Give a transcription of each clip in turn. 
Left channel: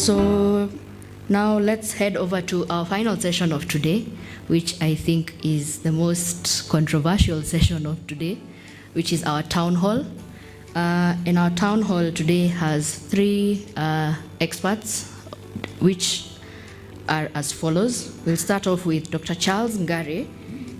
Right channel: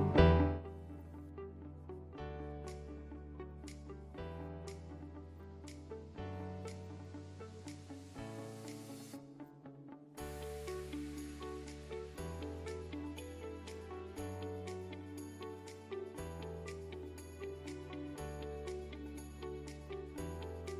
So now let's head over to our final session of today, which I think is the most controversial session of today, which is our town hall. And our town hall today has three experts, which are as follows. We'll start off with Dr. Charles Ngare.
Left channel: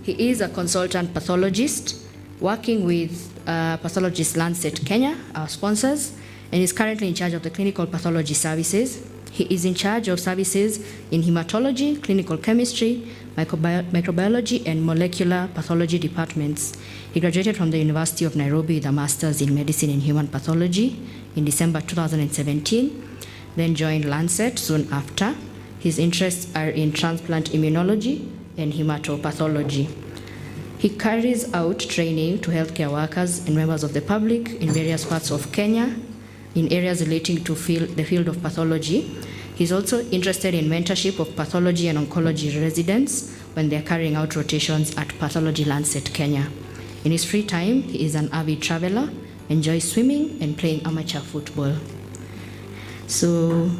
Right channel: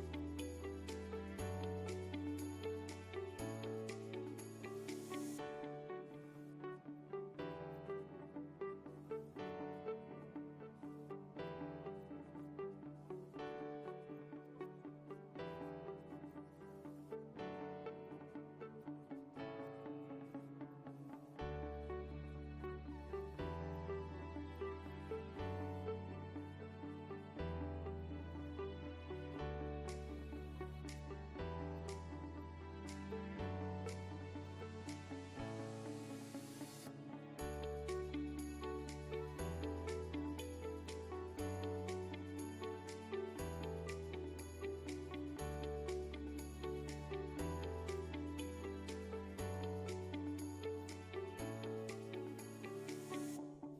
He is a consultant pathologist working with Pathologist Lancet Kenya, our sponsors, and is currently in charge of the clinical pathology services. He is in charge of services in hematology, clinical chemistry, microbiology, and molecular pathology departments. He graduated from the University of Nairobi with a master's in medicine and human pathology in December 2017, then joined Lancet soon after. His interests are in transplant immunology and hematopathology. He carries out training to healthcare workers and members of the public in various parts of Kenya in areas relating to the field of pathology. He's also interested in mentorship of pathology and oncology residents when they're carrying out rotations at Pathology Lancet Kenya. In his free time, he is an avid traveler, enjoys swimming and playing amateur football. So,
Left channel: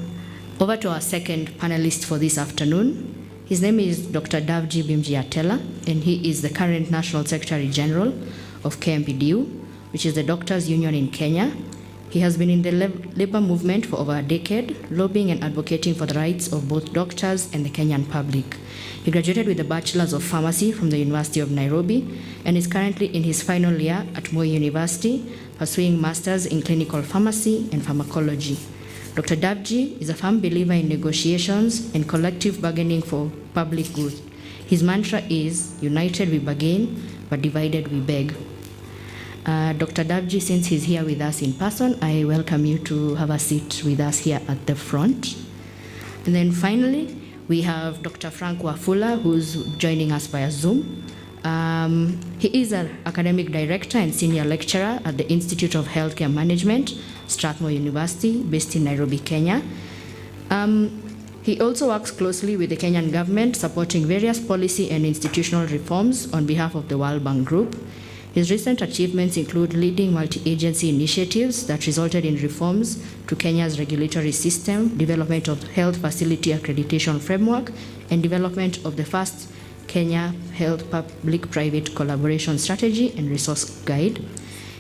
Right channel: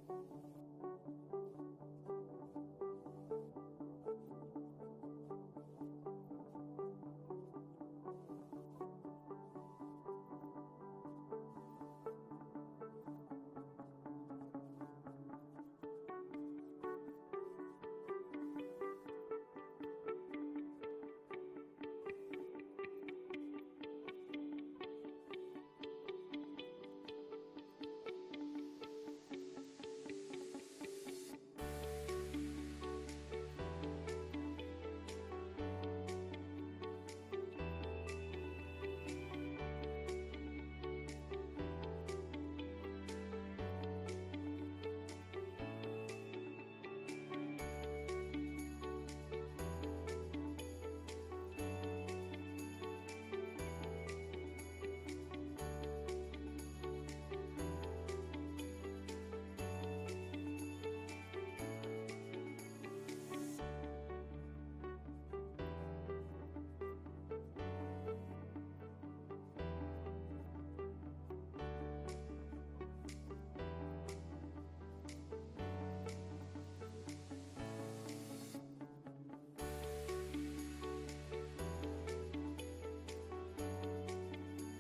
over to our second panelist for this afternoon. His name is Dr. Devt Atela, and he is the current National Secretary General of KMPDU, which is the doctors' union in Kenya. He has been in the labor movement for over a decade, lobbying and advocating for the rights of both doctors and the Kenyan public. He graduated with a Bachelor's of Pharmacy from the University of Nairobi and is currently in his final year at Moi University, pursuing Masters in Clinical Pharmacy and Pharmacology. Dr. Devt is a firm believer in negotiations and collective bargaining for public good. His mantra is, united we bargain, but divided we beg. Dr. Devt, since he's here with us in person, I welcome you to have a seat with us here at the front. And then finally, we have Dr. Frank Wafula, who's joining us via Zoom. He is an academic director and senior lecturer at the Institute of Healthcare Management, Strathmore University, based in Nairobi, Kenya. He also works closely with the Kenyan government, supporting various policy and institutional reforms on behalf of the World Bank Group. His recent achievements include leading multi-agency initiatives that resulted in reforms to Kenya's regulatory system, development of health facility accreditation framework, and development of the first Kenya Health Public-Private Collaboration Strategy and Resource Guide.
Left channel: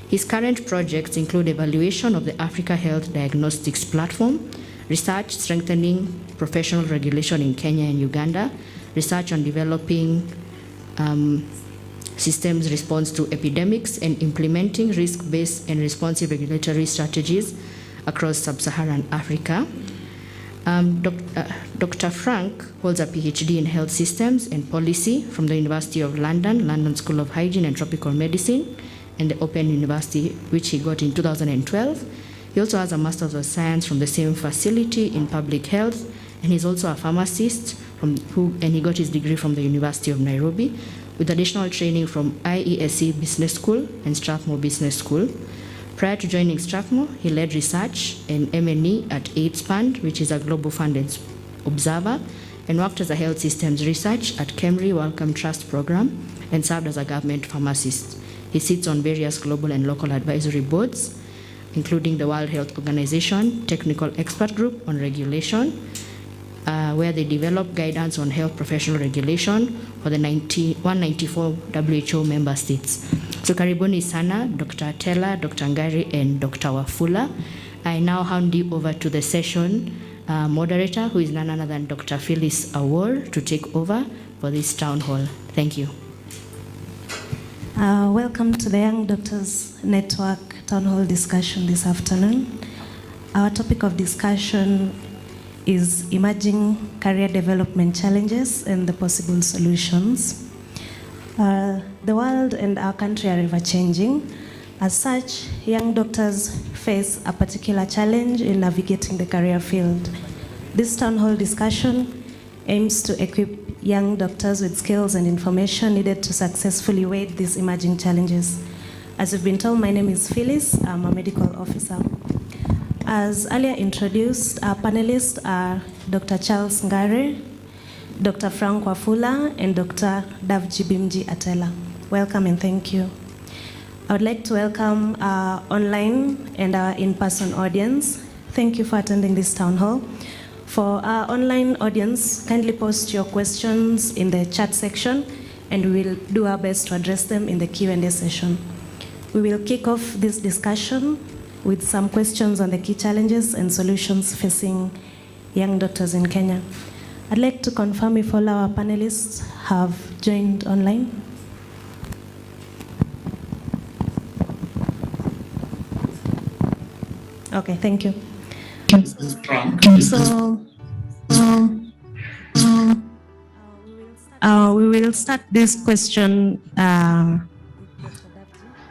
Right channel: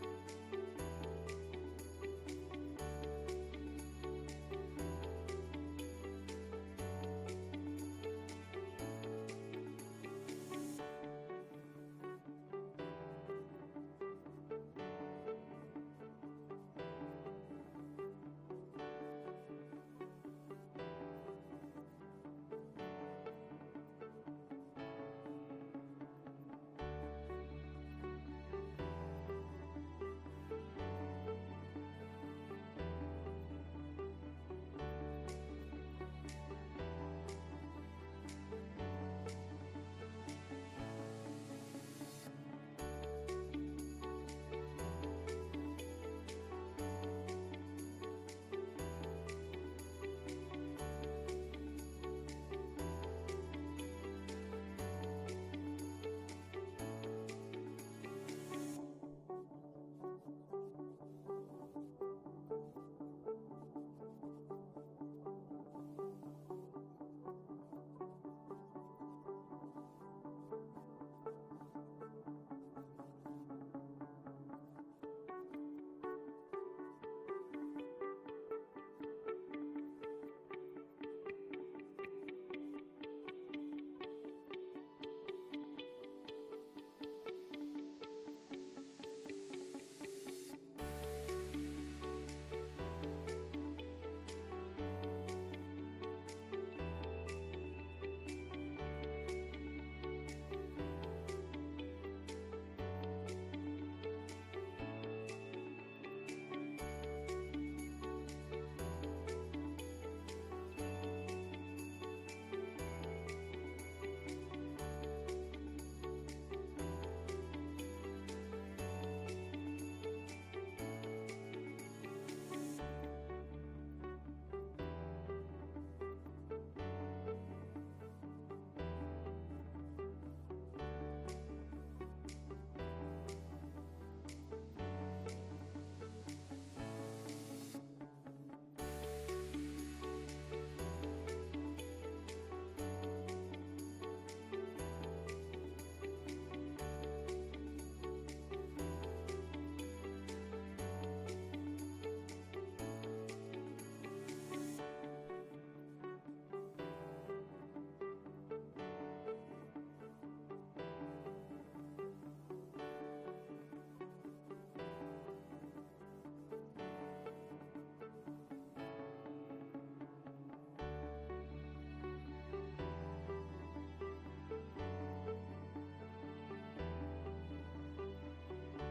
His current projects include evaluation of the Africa Health Diagnostics Platform, research strengthening professional regulation in Kenya and Uganda, research on developing systems response to epidemics, and implementing risk-based and responsive regulatory strategies across sub-Saharan Africa. Dr. Frank holds a PhD in health systems and policy from the University of London, London School of Hygiene and Tropical Medicine, and the Open University, which he got in 2012. He also has a Master's of Science from the same facility in public health, and he's also a pharmacist, and he got his degree from the University of Nairobi, with additional training from IESE Business School and Strathmore Business School. Prior to joining Strathmore, he led research and M&E at AIDS Fund, which is a global fund observer, and worked as a health systems research at Kemri Wellcome Trust Program, and served as a government pharmacist. He sits on various global and local advisory boards, including the World Health Organization Technical Expert Group on Regulation, where they develop guidance on health professional regulation for the 194 WHO member states. So karibuni sana, Dr. Atela, Dr. Ngare, and Dr. Wafula. I now hand you over to the session moderator, who is none other than Dr. Phyllis Awor, to take over for this town hall. Thank you. Welcome to the Young Doctors Network Town Hall discussion this afternoon. Our topic of discussion is emerging career development challenges and the possible solutions. The world and our country are ever changing. As such, young doctors face a particular challenge in navigating the career field. This town hall discussion aims to equip young doctors with skills and information needed to successfully wade these emerging challenges. As you've been told, my name is Phyllis. I'm a medical officer. As earlier introduced, our panelists are Dr. Charles Ngare, Dr. Frank Wafula, and Dr. Devt Atela. Welcome and thank you. I would like to welcome our online and our in-person audience. Thank you for attending this town hall. For our online audience, kindly post your questions in the chat section, and we will do our best to address them in the Q&A session. We will kick off this discussion with some questions on the key challenges and solutions facing young doctors in Kenya. I'd like to confirm if all our panelists have joined online. Okay, thank you. So, we will start this question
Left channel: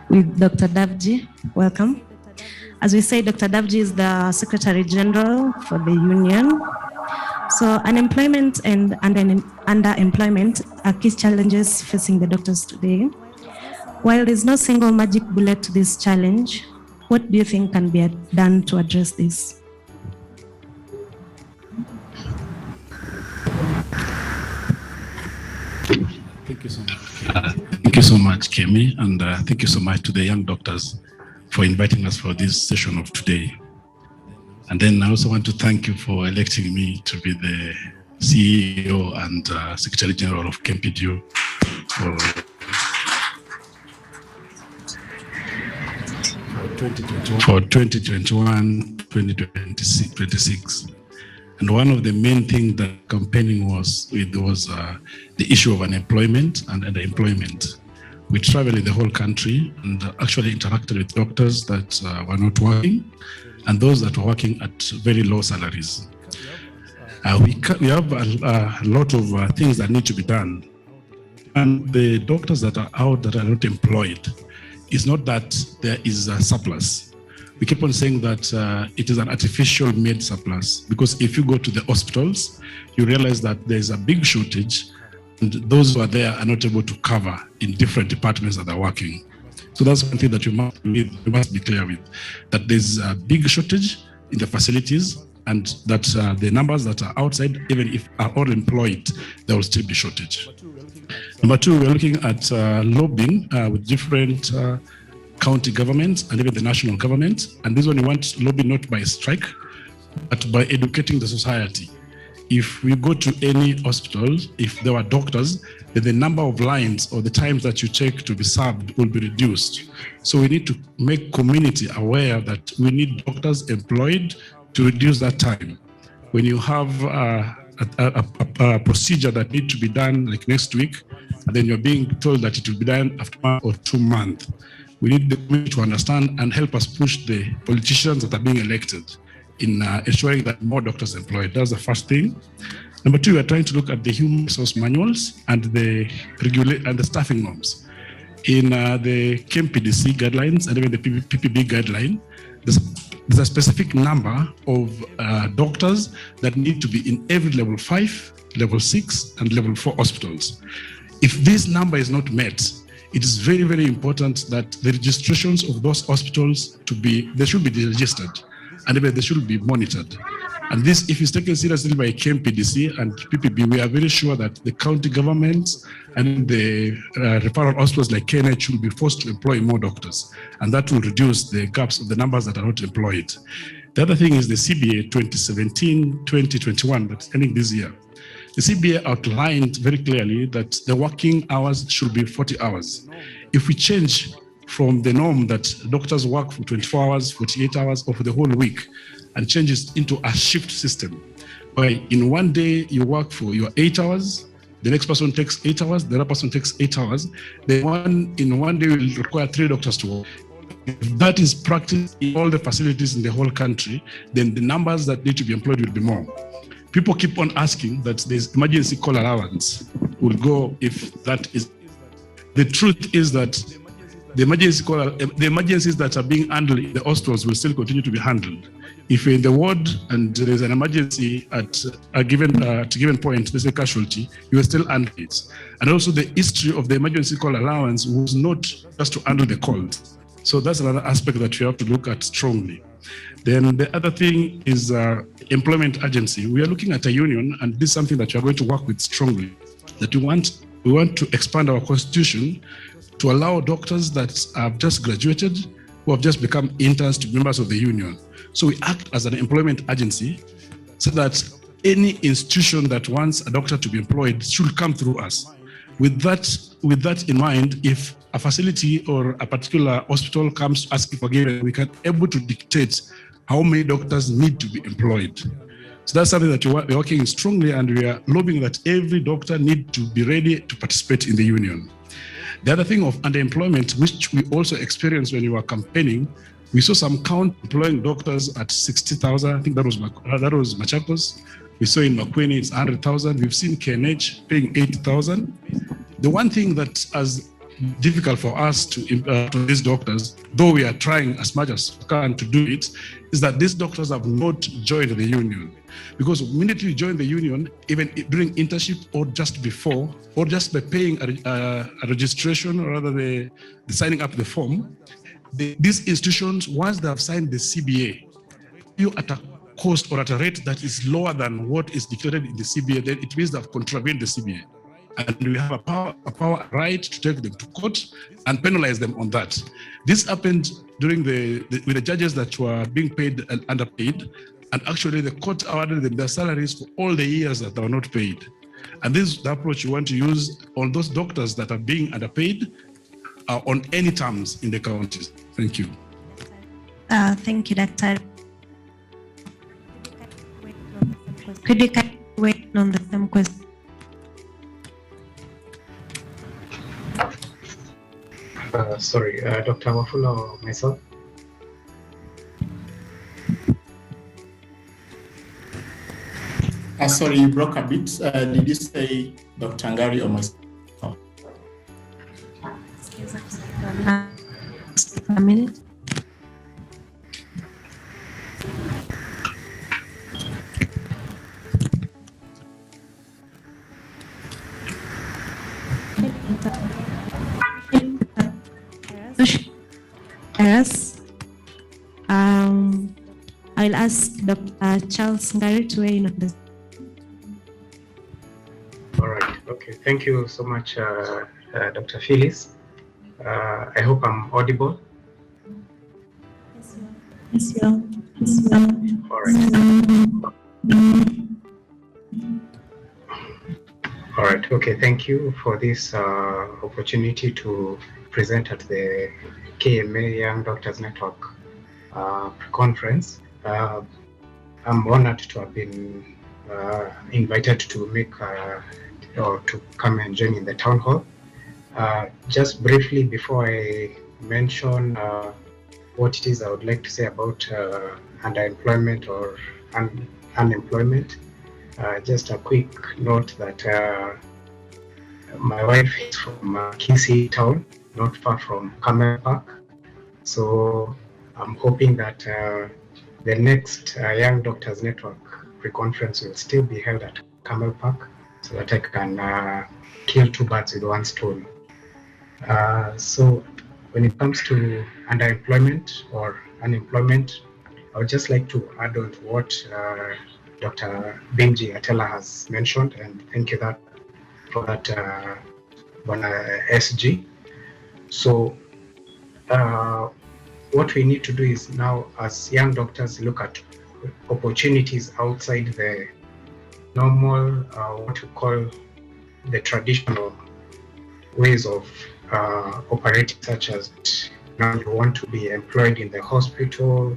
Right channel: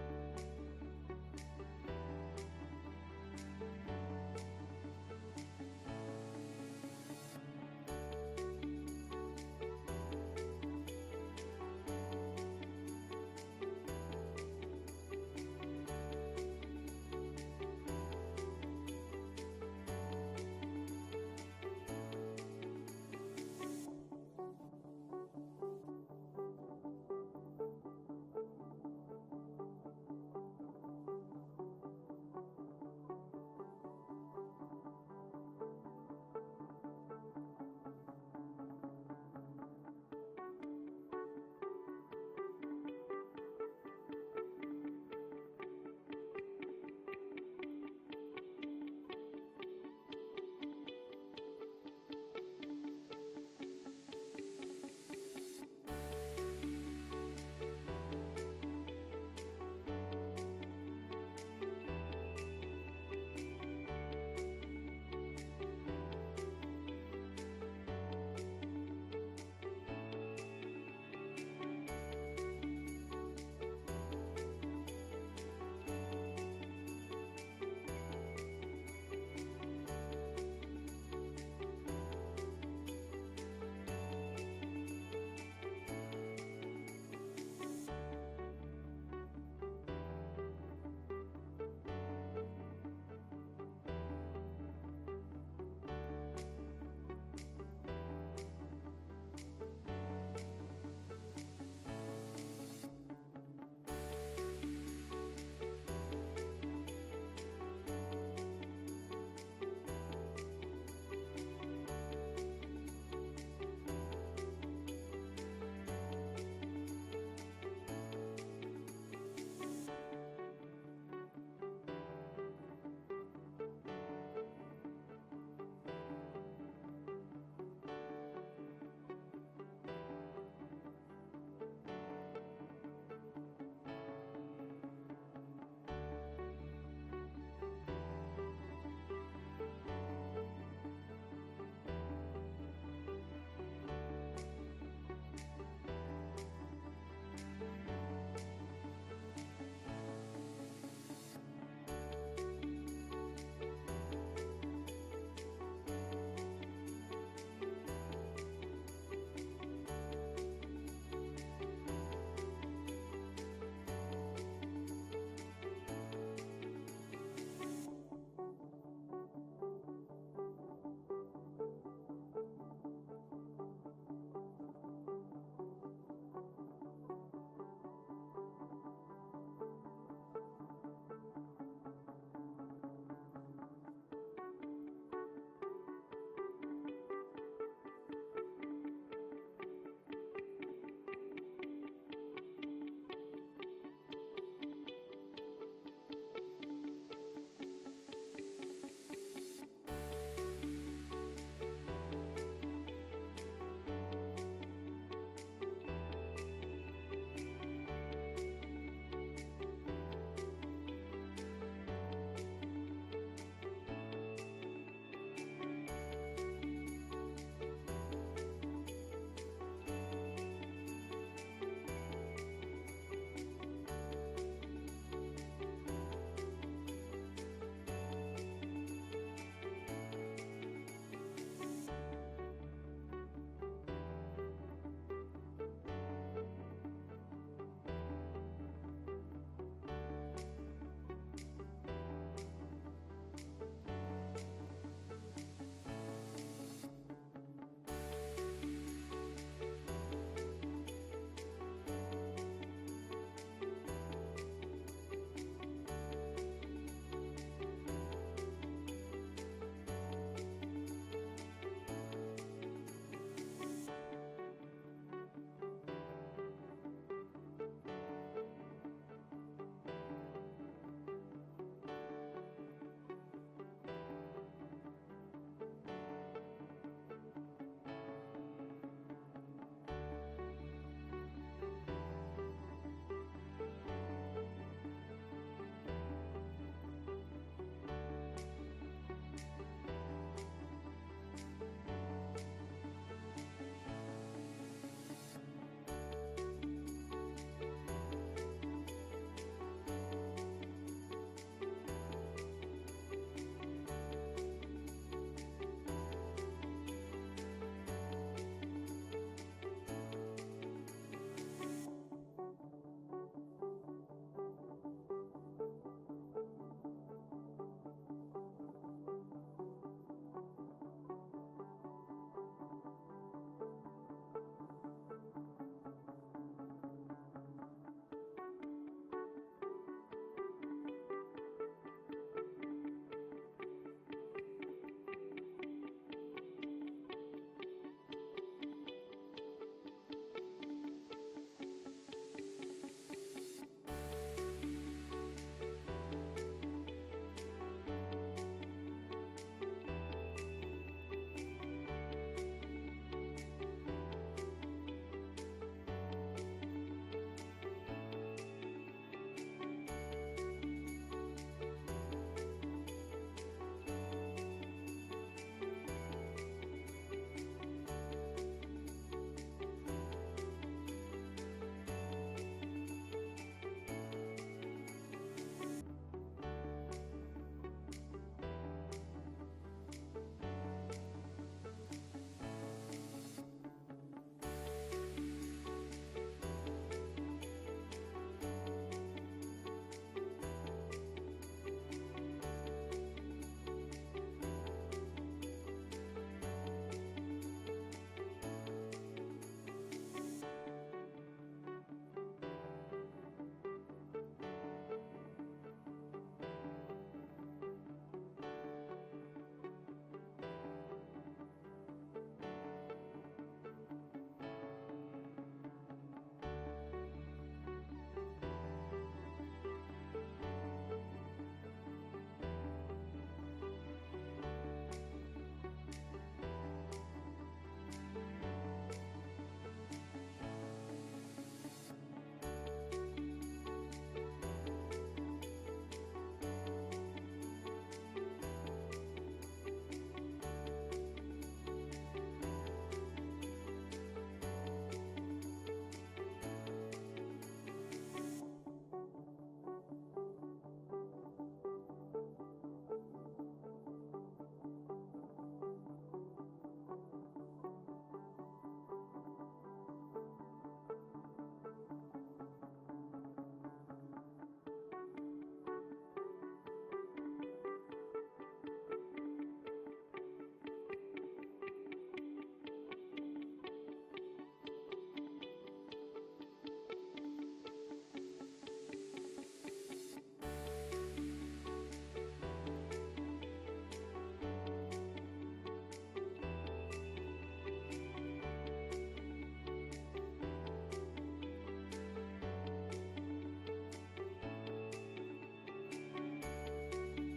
with Dr. Devt. Welcome. As we say, Dr. Devt is the Secretary General for the Union. So unemployment and underemployment are key challenges facing the doctors today. While there's no single magic bullet to this challenge, what do you think can be done to address this? Thank you so much. Thank you so much, Kemi, and thank you so much to the young doctors for inviting us for this session of today. And then I also want to thank you for electing me to be the CEO and Secretary General of KMPDU for 2021-2026. And one of the main things that campaigning was the issue of unemployment and underemployment. We traveled in the whole country and actually interacted with doctors that were not working and those that were working at very low salaries. We have a lot of things that need to be done. And the doctors that are out that are not employed, it's not that there is a surplus. We keep on saying that it is an artificial made surplus, because if you go to the hospitals, you realize that there's a big shortage and those who are there are not able to cover in different departments that are working. So that's one thing that you must be clear with, that there's a big shortage in the facilities and that the numbers that are outside, even if are all employed, there will still be shortage. Number two, we're looking at lobbying with different county governments and even the national government. And this one, you want to lobby not by strike, but by educating the society. If we go to any hospital, if there are doctors, then the number of lines or the times that you take to be served will be reduced. So we need to make community aware that we need doctors employed to reduce that time. When you have a procedure that needs to be done like next week, and then you're being told that it will be done after 1 or 2 months, we need the community to understand and help us push the politicians that are being elected in ensuring that more doctors are employed. That's the first thing. Number two, we're trying to look at the human resource manuals and the staffing norms. In the KMPDC guidelines and even the PPB guideline, there's a specific number of doctors that need to be in every level 5, level 6, and level 4 hospitals. If this number is not met, it is very, very important that the registrations of those hospitals they should be registered and even they should be monitored. And this, if it's taken seriously by KMPDC and PPB, we are very sure that the county governments and the referral hospitals like KNH will be forced to employ more doctors. And that will reduce the gaps of the numbers that are not employed. The other thing is the CBA 2017-2021 that's ending this year. The CBA outlined very clearly that the working hours should be 40 hours. If we change from the norm that doctors work for 24 hours, 48 hours, or for the whole week, and change it into a shift system, where in one day you work for your 8 hours, the next person takes 8 hours, the other person takes 8 hours, in one day will require 3 doctors to work. If that is practiced in all the facilities in the whole country, then the numbers that need to be employed will be more. People keep on asking that there's emergency call allowance will go if that is. The truth is that the emergencies that are being handled in the hospitals will still continue to be handled. If you're in the ward and there is an emergency at a given point, there's a casualty, you will still handle it. And also the history of the emergency call allowance was not just to handle the calls. So that's another aspect that we have to look at strongly. Then the other thing is employment agency. We are looking at a union, and this is something that we are going to work with strongly, that we want to expand our constitution to allow doctors that have just graduated, who have just become interns, to be members of the union. So we act as an employment agency so that any institution that wants a doctor to be employed should come through us. With that in mind, if a facility or a particular hospital comes asking for given, we can able to dictate how many doctors need to be employed. So that's something that we're working strongly, and we are lobbying that every doctor need to be ready to participate in the union. The other thing of underemployment, which we also experienced when we were campaigning, we saw some count employing doctors at 60,000. I think that was Machakos. We saw in Makwini it's 100,000. We've seen KNH paying 80,000. The one thing that is difficult for us to these doctors, though we are trying as much as we can to do it, is that these doctors have not joined the union. Because immediately you join the union, even during internship or just before, or just by paying a registration, or rather the signing up the form, these institutions, once they have signed the CBA, you at a cost or at a rate that is lower than what is declared in the CBA, then it means they have contravened the CBA. And we have a right to take them to court and penalize them on that. This happened during with the judges that were being paid and underpaid, and actually the court awarded them their salaries for all the years that they were not paid. And this is the approach you want to use on those doctors that are being underpaid on any terms in the counties. Thank you. Thank you, Doctor. Could you wait on the same question? Sorry, Dr. Wafula or myself? Sorry, you broke a bit. Did you say Dr. Ngari or myself? A minute. Yes. I'll ask Dr. Charles Ngari to weigh in on this. All right. Okay. Thank you so much, Dr. Phyllis. I hope I'm audible. Yes, you are. Yes, you are. All right. All right. Okay. Thank you for this opportunity to present at the KMA Young Doctors Network conference. I'm honored to have been invited to make or to come and join in the town hall. Just briefly, before I mention what it is I would like to say about underemployment or unemployment, just a quick note that my wife is from Kisii town, not far from Camel Park. So I'm hoping that the next Young Doctors Network pre-conference will still be held at Camel Park, so that I can kill two birds with one stone. So when it comes to underemployment or unemployment, I would just like to add on to what Dr. Benji Atela has mentioned, and thank you for that, SG. So what we need to do is now, as young doctors, look at opportunities outside the normal, what we call the traditional ways of operating, such as now you want to be employed in the hospital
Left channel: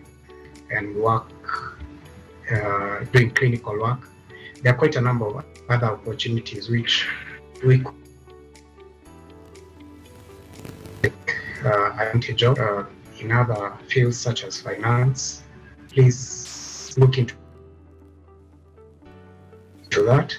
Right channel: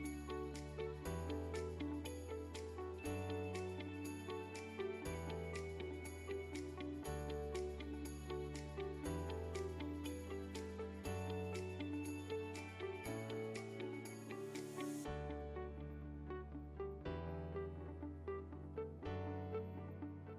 and work, doing clinical work. There are quite a number of other opportunities which we could take advantage of in other fields such as finance. Please look into that.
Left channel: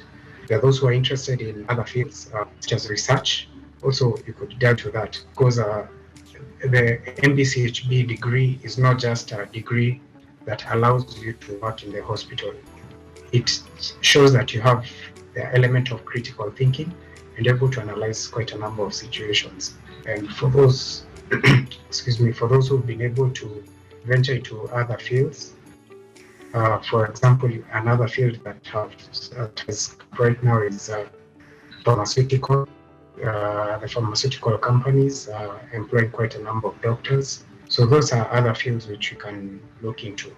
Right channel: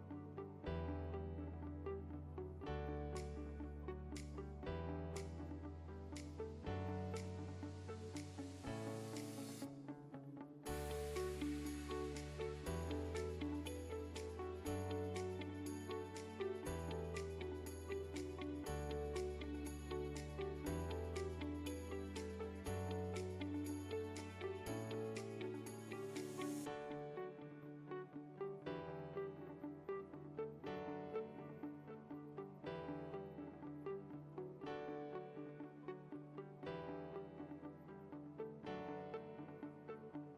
There are those who are interested in other fields such as research. Also, you could delve to that, because the MBCHB degree is not just a degree that allows you to work in the hospital. It shows that you have the element of critical thinking and able to analyze quite a number of situations. And for those, excuse me, for those who've been able to venture into other fields, for example, another field that is right now is pharmaceutical. The pharmaceutical companies are employing quite a number of doctors. So those are other fields which you can look into.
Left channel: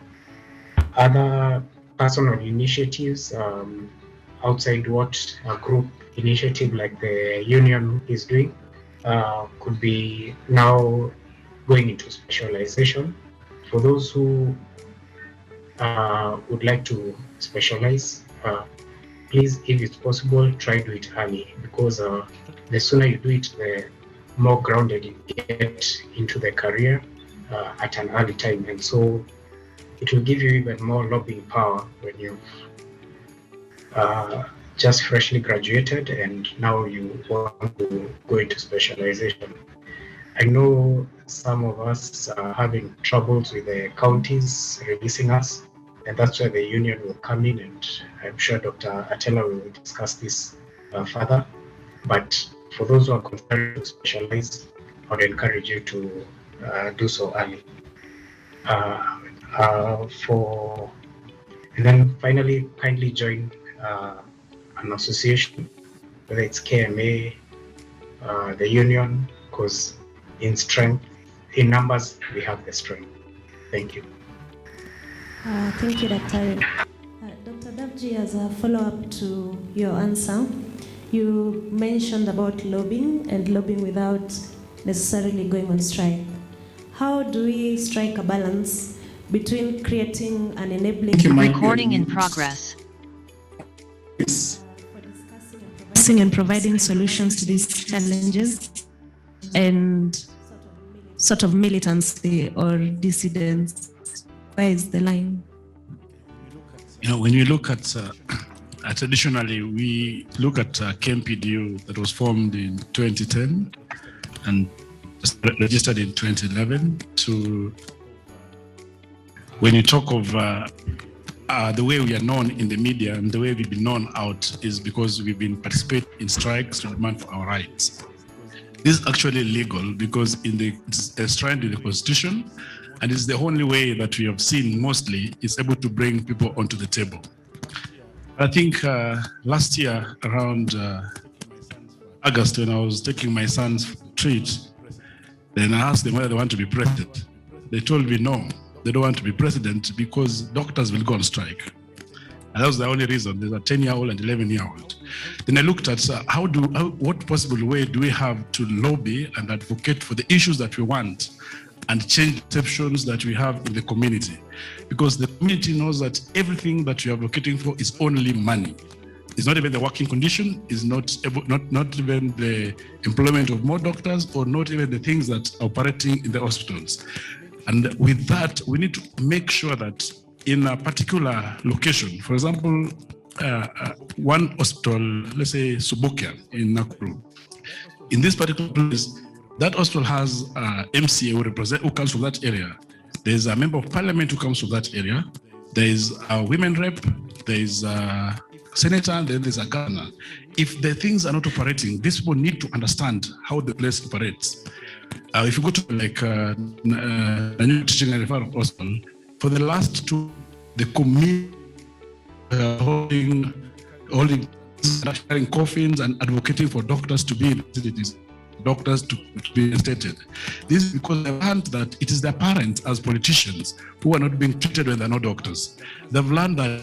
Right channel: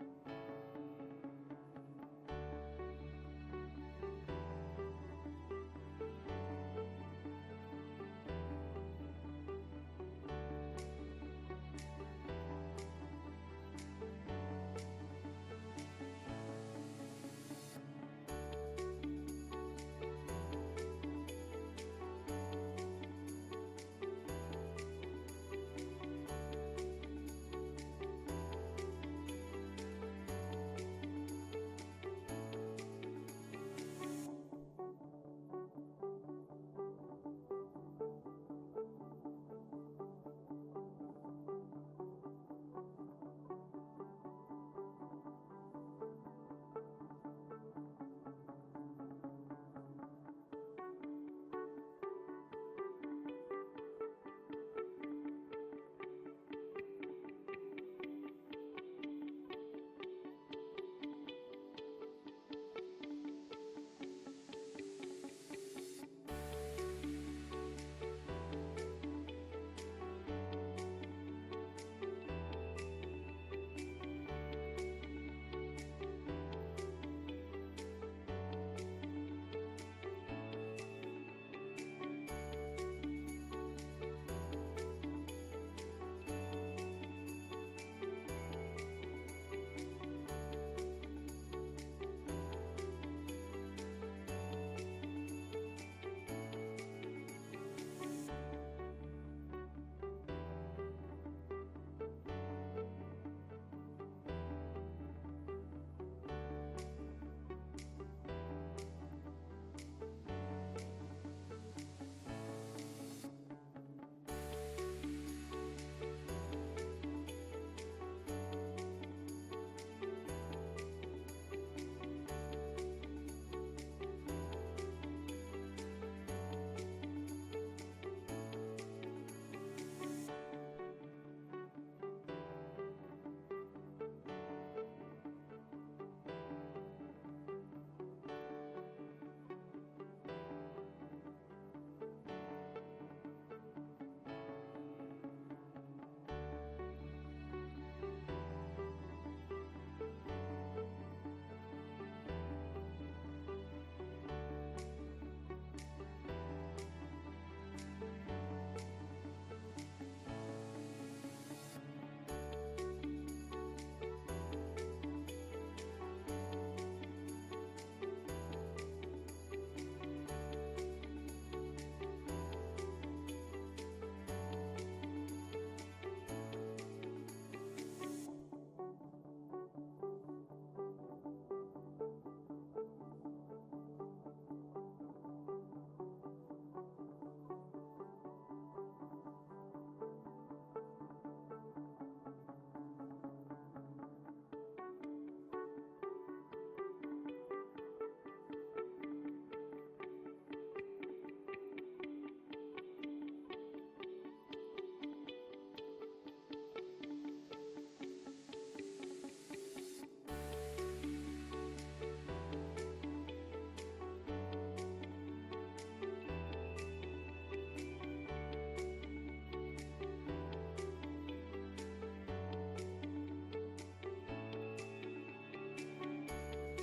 Other personal initiatives outside what a group initiative like the union is doing. Could be now going into specialization. For those who would like to specialize, please, if it's possible, try to do it early, because the sooner you do it, the more grounded you get into the career at an early time. And so it will give you even more lobbying power when you've just freshly graduated and now you want to go into specialization. I know some of us are having troubles with the counties releasing us, and that's where the union will come in, and I'm sure Dr. Atela will discuss this further. But for those who are considering to specialize, I would encourage you to do so early. And then finally, kindly join an association, whether it's KMA, the union, because in strength, in numbers, we have the strength. Thank you. Thank you, Dr. Dr. Davji, as a follow-up to your answer, you mentioned about lobbying and lobbying without necessarily going on strike. How do we strike a balance between creating an enabling... Recording in progress. Discussing and providing solutions to these challenges and sort of militancy or dissidence? Where is the line? You know, when you look at traditionally, we look at KMPDU that was formed in 2010 and registered in 2011. To when you talk of the way we are known in the media and the way we've been known out is because we've been participating in strikes to demand for our rights. This is actually legal because it's enshrined in the Constitution, and it's the only way that we have seen mostly is able to bring people onto the table. I think last year around August, when I was taking my son's treat, then I asked them whether they want to be president. They told me no, they don't want to be president because doctors will go on strike. And that was the only reason. There's a 10-year-old and 11-year-old. Then I looked at what possible way do we have to lobby and advocate for the issues that we want and change perceptions that we have in the community. Because the community knows that everything that we are advocating for is only money. It's not even the working condition, it's not even the employment of more doctors, or not even the things that are operating in the hospitals. And with that, we need to make sure that in a particular location, for example, one hospital, let's say Subukia in Nakuru, in this particular place, that hospital has MCA who comes from that area. There's a member of parliament who comes from that area. There is a women rep, there is a senator, and then there's a governor. If the things are not operating, these people need to understand how the place operates. If you go to like a new teaching and referral hospital, for the last two, the community holding coffins and advocating for doctors to be in facilities, doctors to be instated. This is because they've learned that it is their parents as politicians who are not being treated when they're not doctors. They've learned that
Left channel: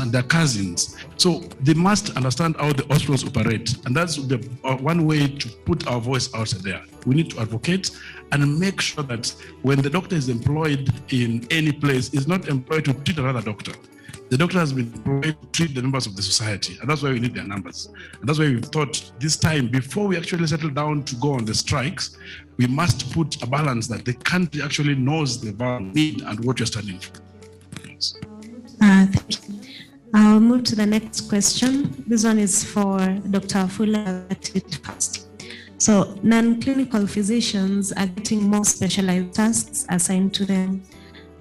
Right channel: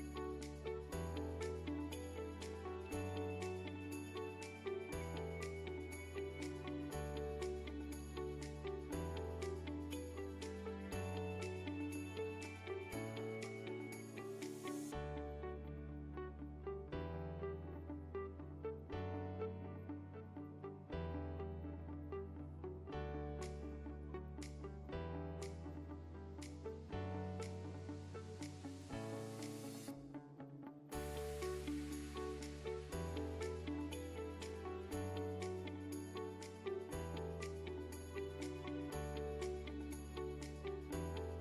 and their cousins. So they must understand how the hospitals operate. And that's the one way to put our voice out there. We need to advocate and make sure that when the doctor is employed in any place, is not employed to treat another doctor. The doctor has been employed to treat the members of the society. And that's why we need their numbers. And that's why we've thought this time, before we actually settle down to go on the strikes, we must put a balance that the country actually knows the need and what you're standing for. Thank you. I'll move to the next question. This one is for Dr. Fuller. So non-clinical physicians are getting more specialized tasks assigned to them.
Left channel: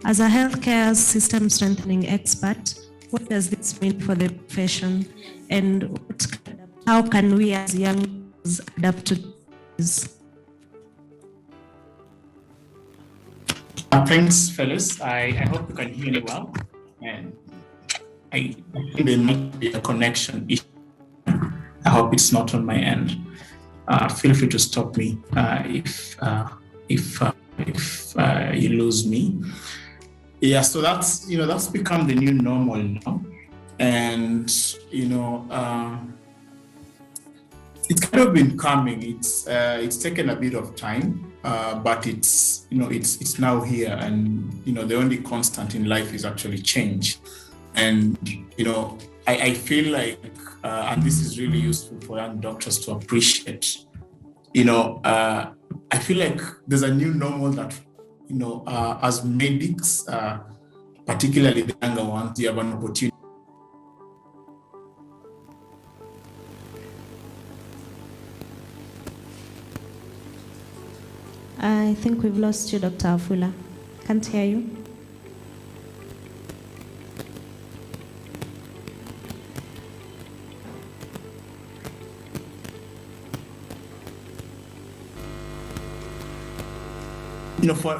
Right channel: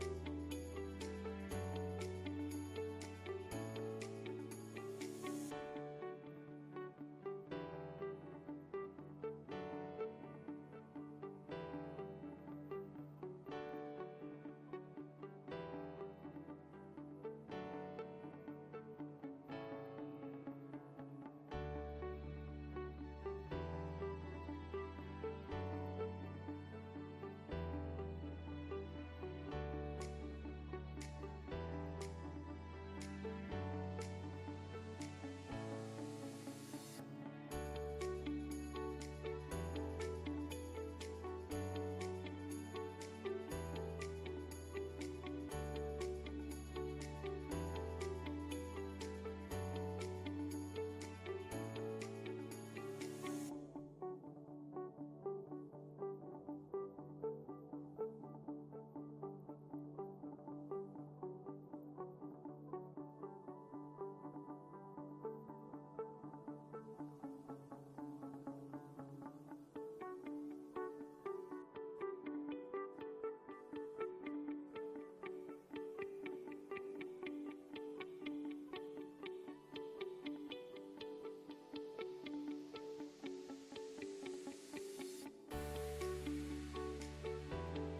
As a healthcare system strengthening expert, what does this mean for the profession? And how can we as young adapt to this? Thanks, fellas. I hope you can hear me well. And I think there might be a connection issue. I hope it's not on my end. Feel free to stop me if you lose me. Yeah, so that's become the new normal now, and it's kind of been coming. It's taken a bit of time, but it's now here, and the only constant in life is actually change. And I feel like, and this is really useful for young doctors to appreciate. I feel like there's a new normal that as medics, particularly the younger ones, you have an opportunity. I think we've lost you, Dr. Afula. Can't hear you.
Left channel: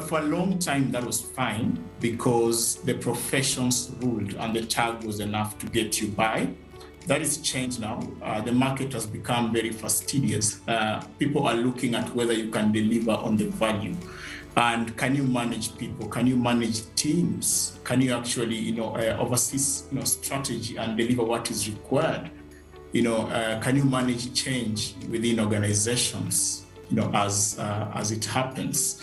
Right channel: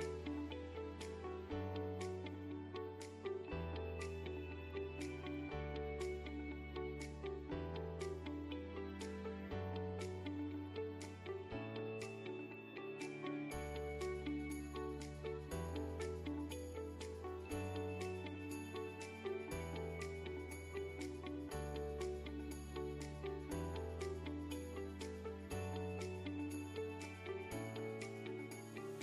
For a long time, that was fine because the professions ruled and the tag was enough to get you by. That is changed now. The market has become very fastidious. People are looking at whether you can deliver on the value. And can you manage people? Can you manage teams? Can you actually, oversee, strategy and deliver what is required? Can you manage change within organizations, as it happens?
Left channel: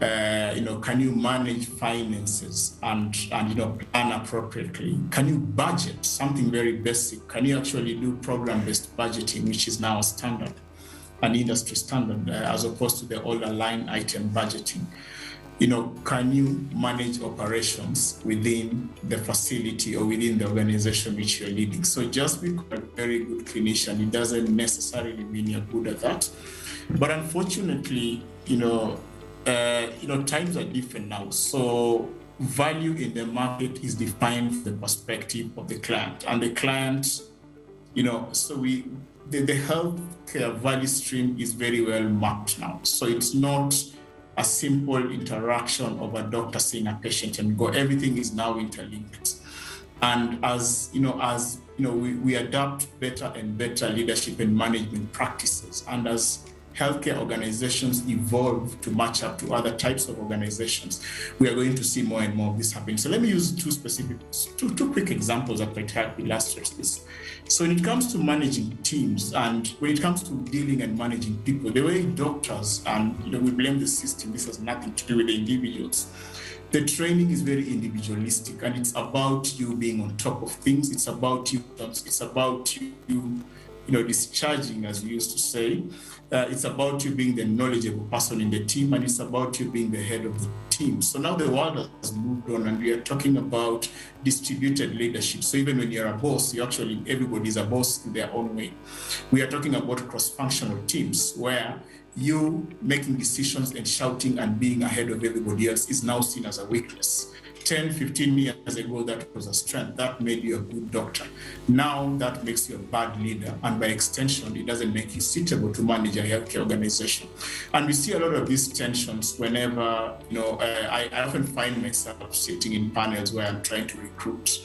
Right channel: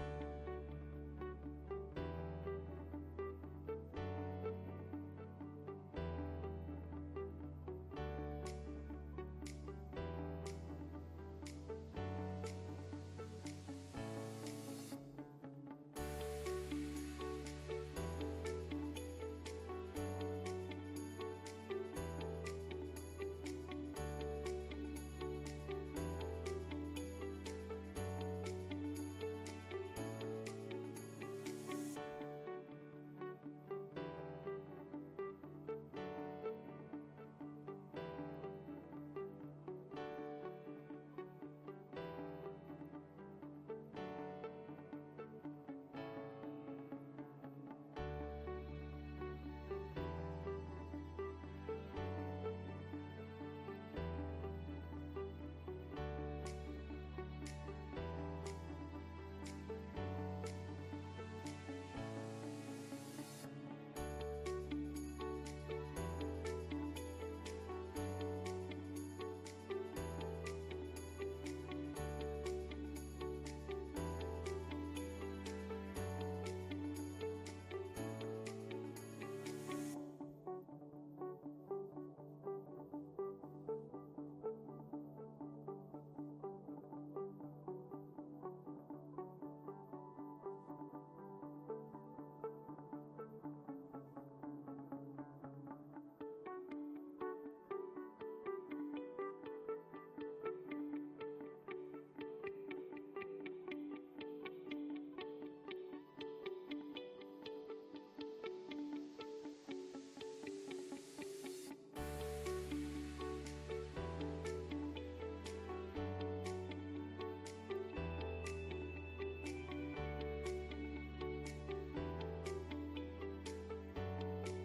Can you manage finances and plan appropriately? Can you budget? Something very basic. Can you actually do program-based budgeting, which is now a standard, an industry standard, as opposed to the older line item budgeting? Can you manage operations within the facility or within the organization which you're leading? So just because you're a very good clinician, it doesn't necessarily mean you're good at that. But unfortunately, times are different now. So value in the market is defined from the perspective of the client. And the client, so the healthcare value stream is very well mapped now. So it's not a simple interaction of a doctor seeing a patient and go. Everything is now interlinked. And as we adapt better and better leadership and management practices, and as healthcare organizations evolve to match up to other types of organizations, we are going to see more and more of this happening. So let me use two quick examples that might help illustrate this. So when it comes to managing teams and when it comes to dealing and managing people, the way doctors, and we blame the system, this has nothing to do with the individuals. The training is very individualistic, and it's about you being on top of things. It's about you discharging, as we used to say. It's about you being the knowledgeable person in the team, and it's about you being the head of the team. So now the world has moved on, and we are talking about distributed leadership. So even when you're a boss, everybody is a boss in their own way. We are talking about cross-functional teams where you making decisions and shouting and being ahead of everybody else is now seen as a weakness. 10, 15 years ago, that was a strength. That made you a good doctor. Now that makes you a bad leader. And by extension, it doesn't make you suitable to manage a healthcare organization. And we see a lot of these tensions whenever, I often find myself sitting in panels where I'm trying to recruit,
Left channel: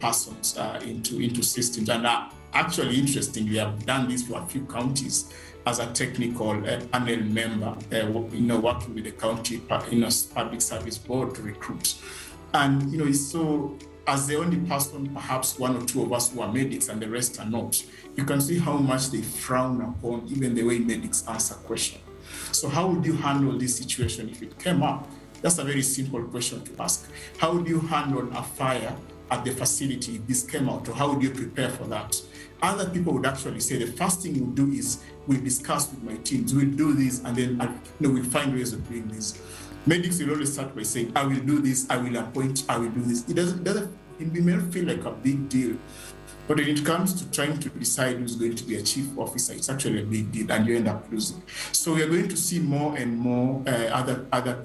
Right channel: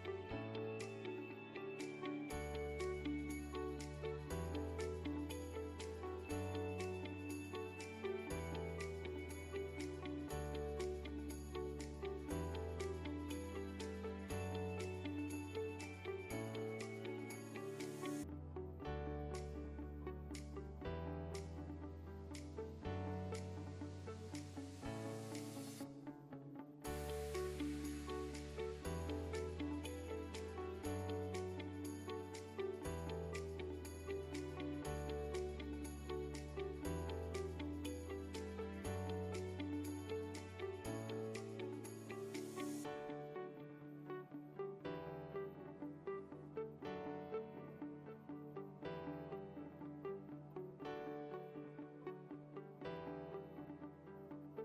persons into systems. And actually, interestingly, I've done this for a few counties as a technical panel member, working with the county, public service board to recruit. And, so as the only person, perhaps one or two of us who are medics and the rest are not, you can see how much they frown upon even the way medics answer questions. So how would you handle this situation if it came up? That's a very simple question to ask. How would you handle a fire at the facility if this came out, or how would you prepare for that? Other people would actually say the first thing we'll do is we'll discuss with my teams, we'll do this, and then we'll find ways of doing this. Medics will always start by saying, I will do this, I will appoint, I will do this. It may not feel like a big deal, but when it comes to trying to decide who's going to be a chief officer, it's actually a big deal, and you end up losing. So we are going to see more and more other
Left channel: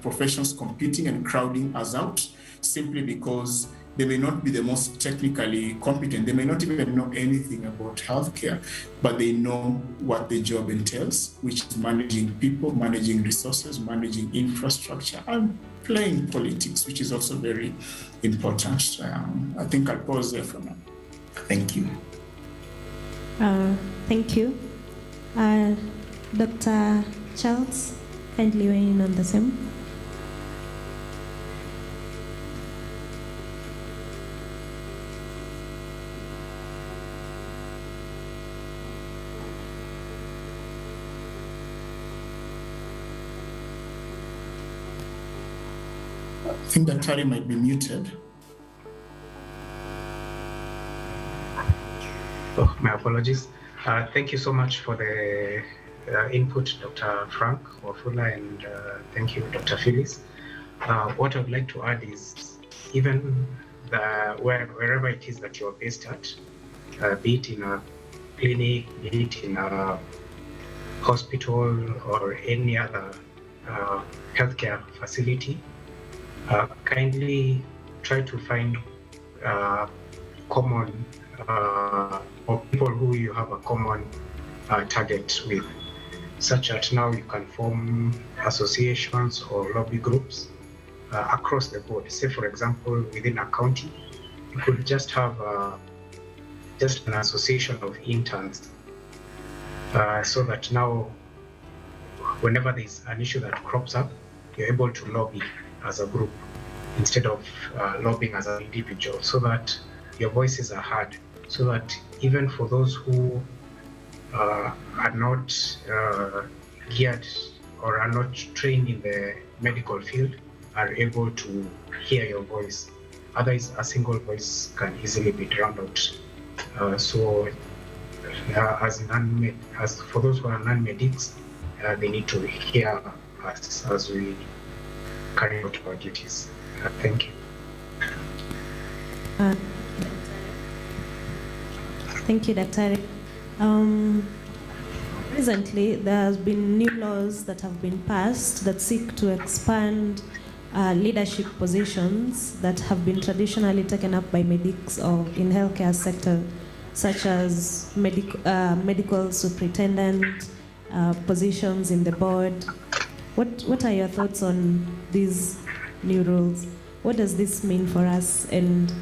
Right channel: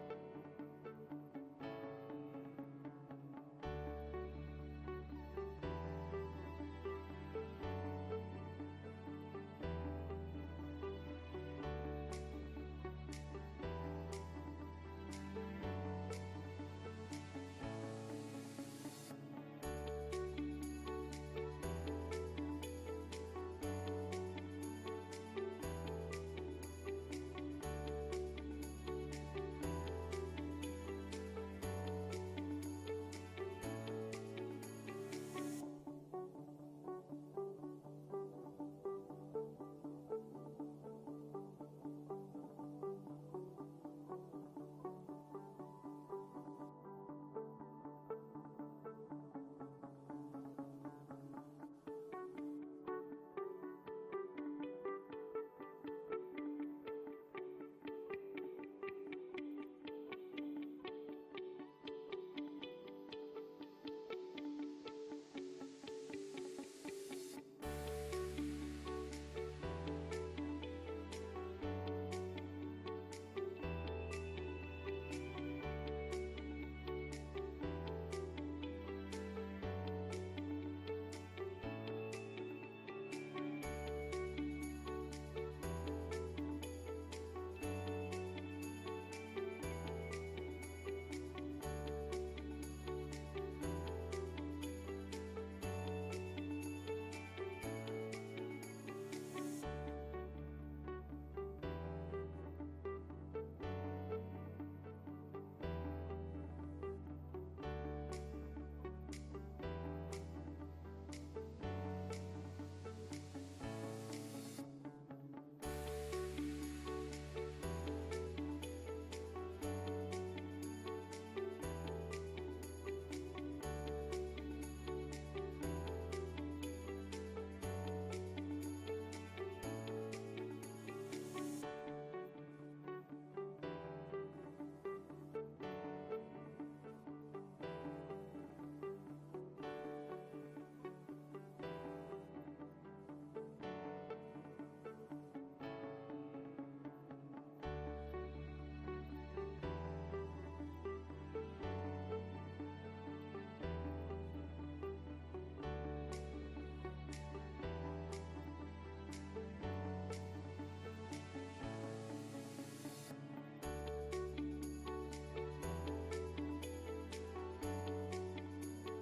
professions competing and crowding us out, simply because they may not be the most technically competent. They may not even know anything about healthcare, but they know what the job entails, which is managing people, managing resources, managing infrastructure, and playing politics, which is also very important. I think I'll pause there for now. Thank you. Thank you. Dr. Charles, kindly weigh in on the same. I think that Tari might be muted. Oh, my apologies. Thank you so much for the input, Dr. Frank Wafula, and thank you, Dr. Phyllis. What I'd like to add is even wherever it is that you're based at, be it in a clinic, be it in a hospital or any other healthcare facility, kindly try to find common or people who you have a common target with, such that now you can form associations or lobby groups across the board. Say, for example, within a county, you could just have just an association of interns, so that now whenever there's an issue that crops up, you're able to lobby as a group instead of lobbying as an individual, so that your voices are heard, so that even for those who are not geared or are not trained in the medical field are able to hear your voice. Otherwise, a single voice can easily be drowned out. So as for those who are non-medics, they need to hear us as we carry out our duties. Thank you. Thank you, Dr. Recently, there has been new laws that have been passed that seek to expand leadership positions that have been traditionally taken up by medics or in healthcare sector, such as medical superintendent, positions in the board. What are your thoughts on these new rules? What does this mean for us? And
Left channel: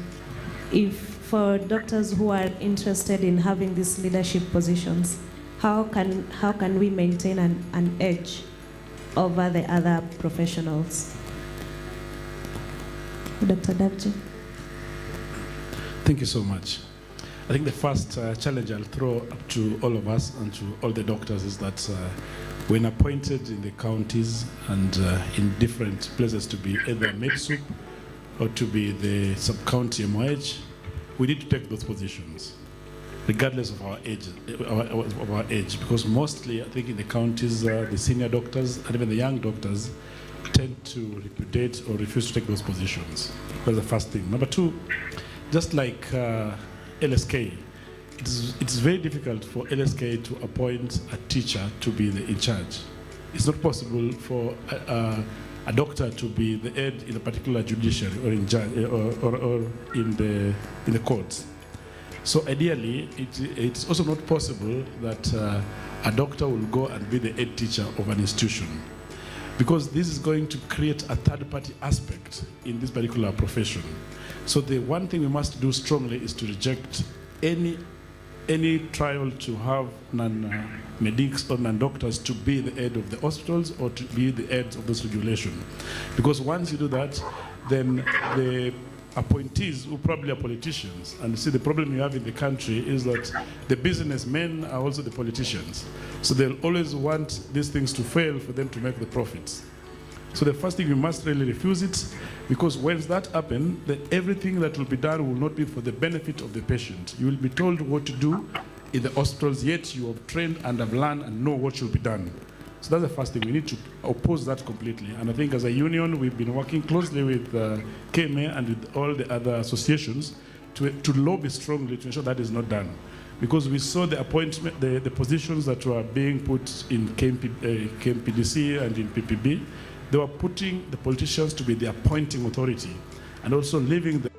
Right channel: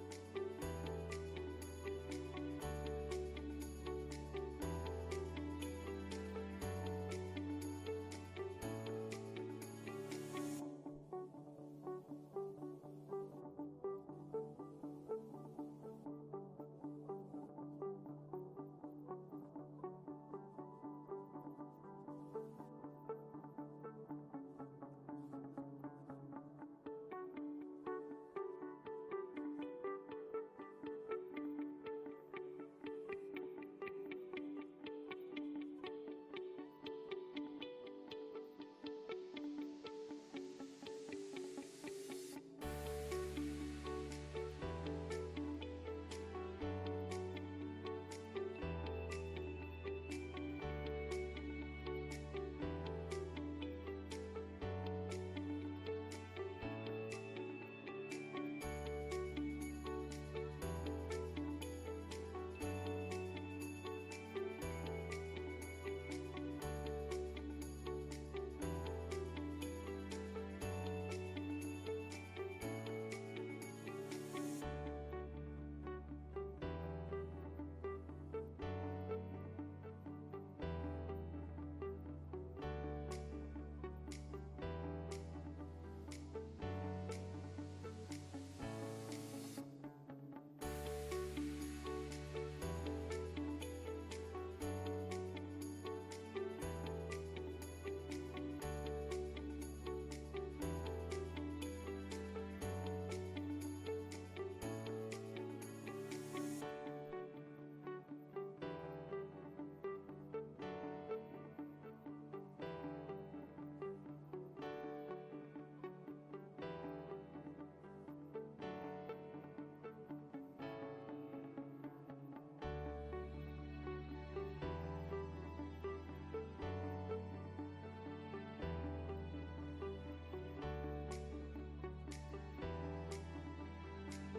if for doctors who are interested in having these leadership positions, how can we maintain an edge over the other professionals? Dr. Dabji. Thank you so much. I think the first challenge I'll throw up to all of us and to all the doctors is that when appointed in the counties and in different places to be either MedSup or to be the sub-county MOH, we need to take those positions, regardless of our age, because mostly, I think in the counties, the senior doctors and even the young doctors tend to repudiate or refuse to take those positions. That's the first thing. Number two, just like LSK, it's very difficult for LSK to appoint a teacher to be in charge. It's not possible for a doctor to be the head in a particular judiciary or in judge, or in the courts. So ideally, it's also not possible that a doctor will go and be the head teacher of an institution, because this is going to create a third-party aspect in this particular profession. So the one thing we must do strongly is to reject any trial to have non-medics or non-doctors to be the head of the hospitals or to be the heads of this regulation. Because once you do that, then the appointees who probably are politicians, and you see the problem you have in the country is that the businessmen are also the politicians. So they'll always want these things to fail for them to make the profits. So the first thing, you must really refuse it, because once that happens, then everything that will be done will not be for the benefit of the patient. You will be told what to do in the hospitals, yet you have trained and have learned and know what should be done. So that's the first thing. We need to oppose that completely. And I think as a union, we've been working closely with KMA and with all the other associations to lobby strongly to ensure that is not done. Because we saw the appointment, the positions that were being put in KMPDC and in PPB, they were putting the politicians to be the appointing authority and also leaving the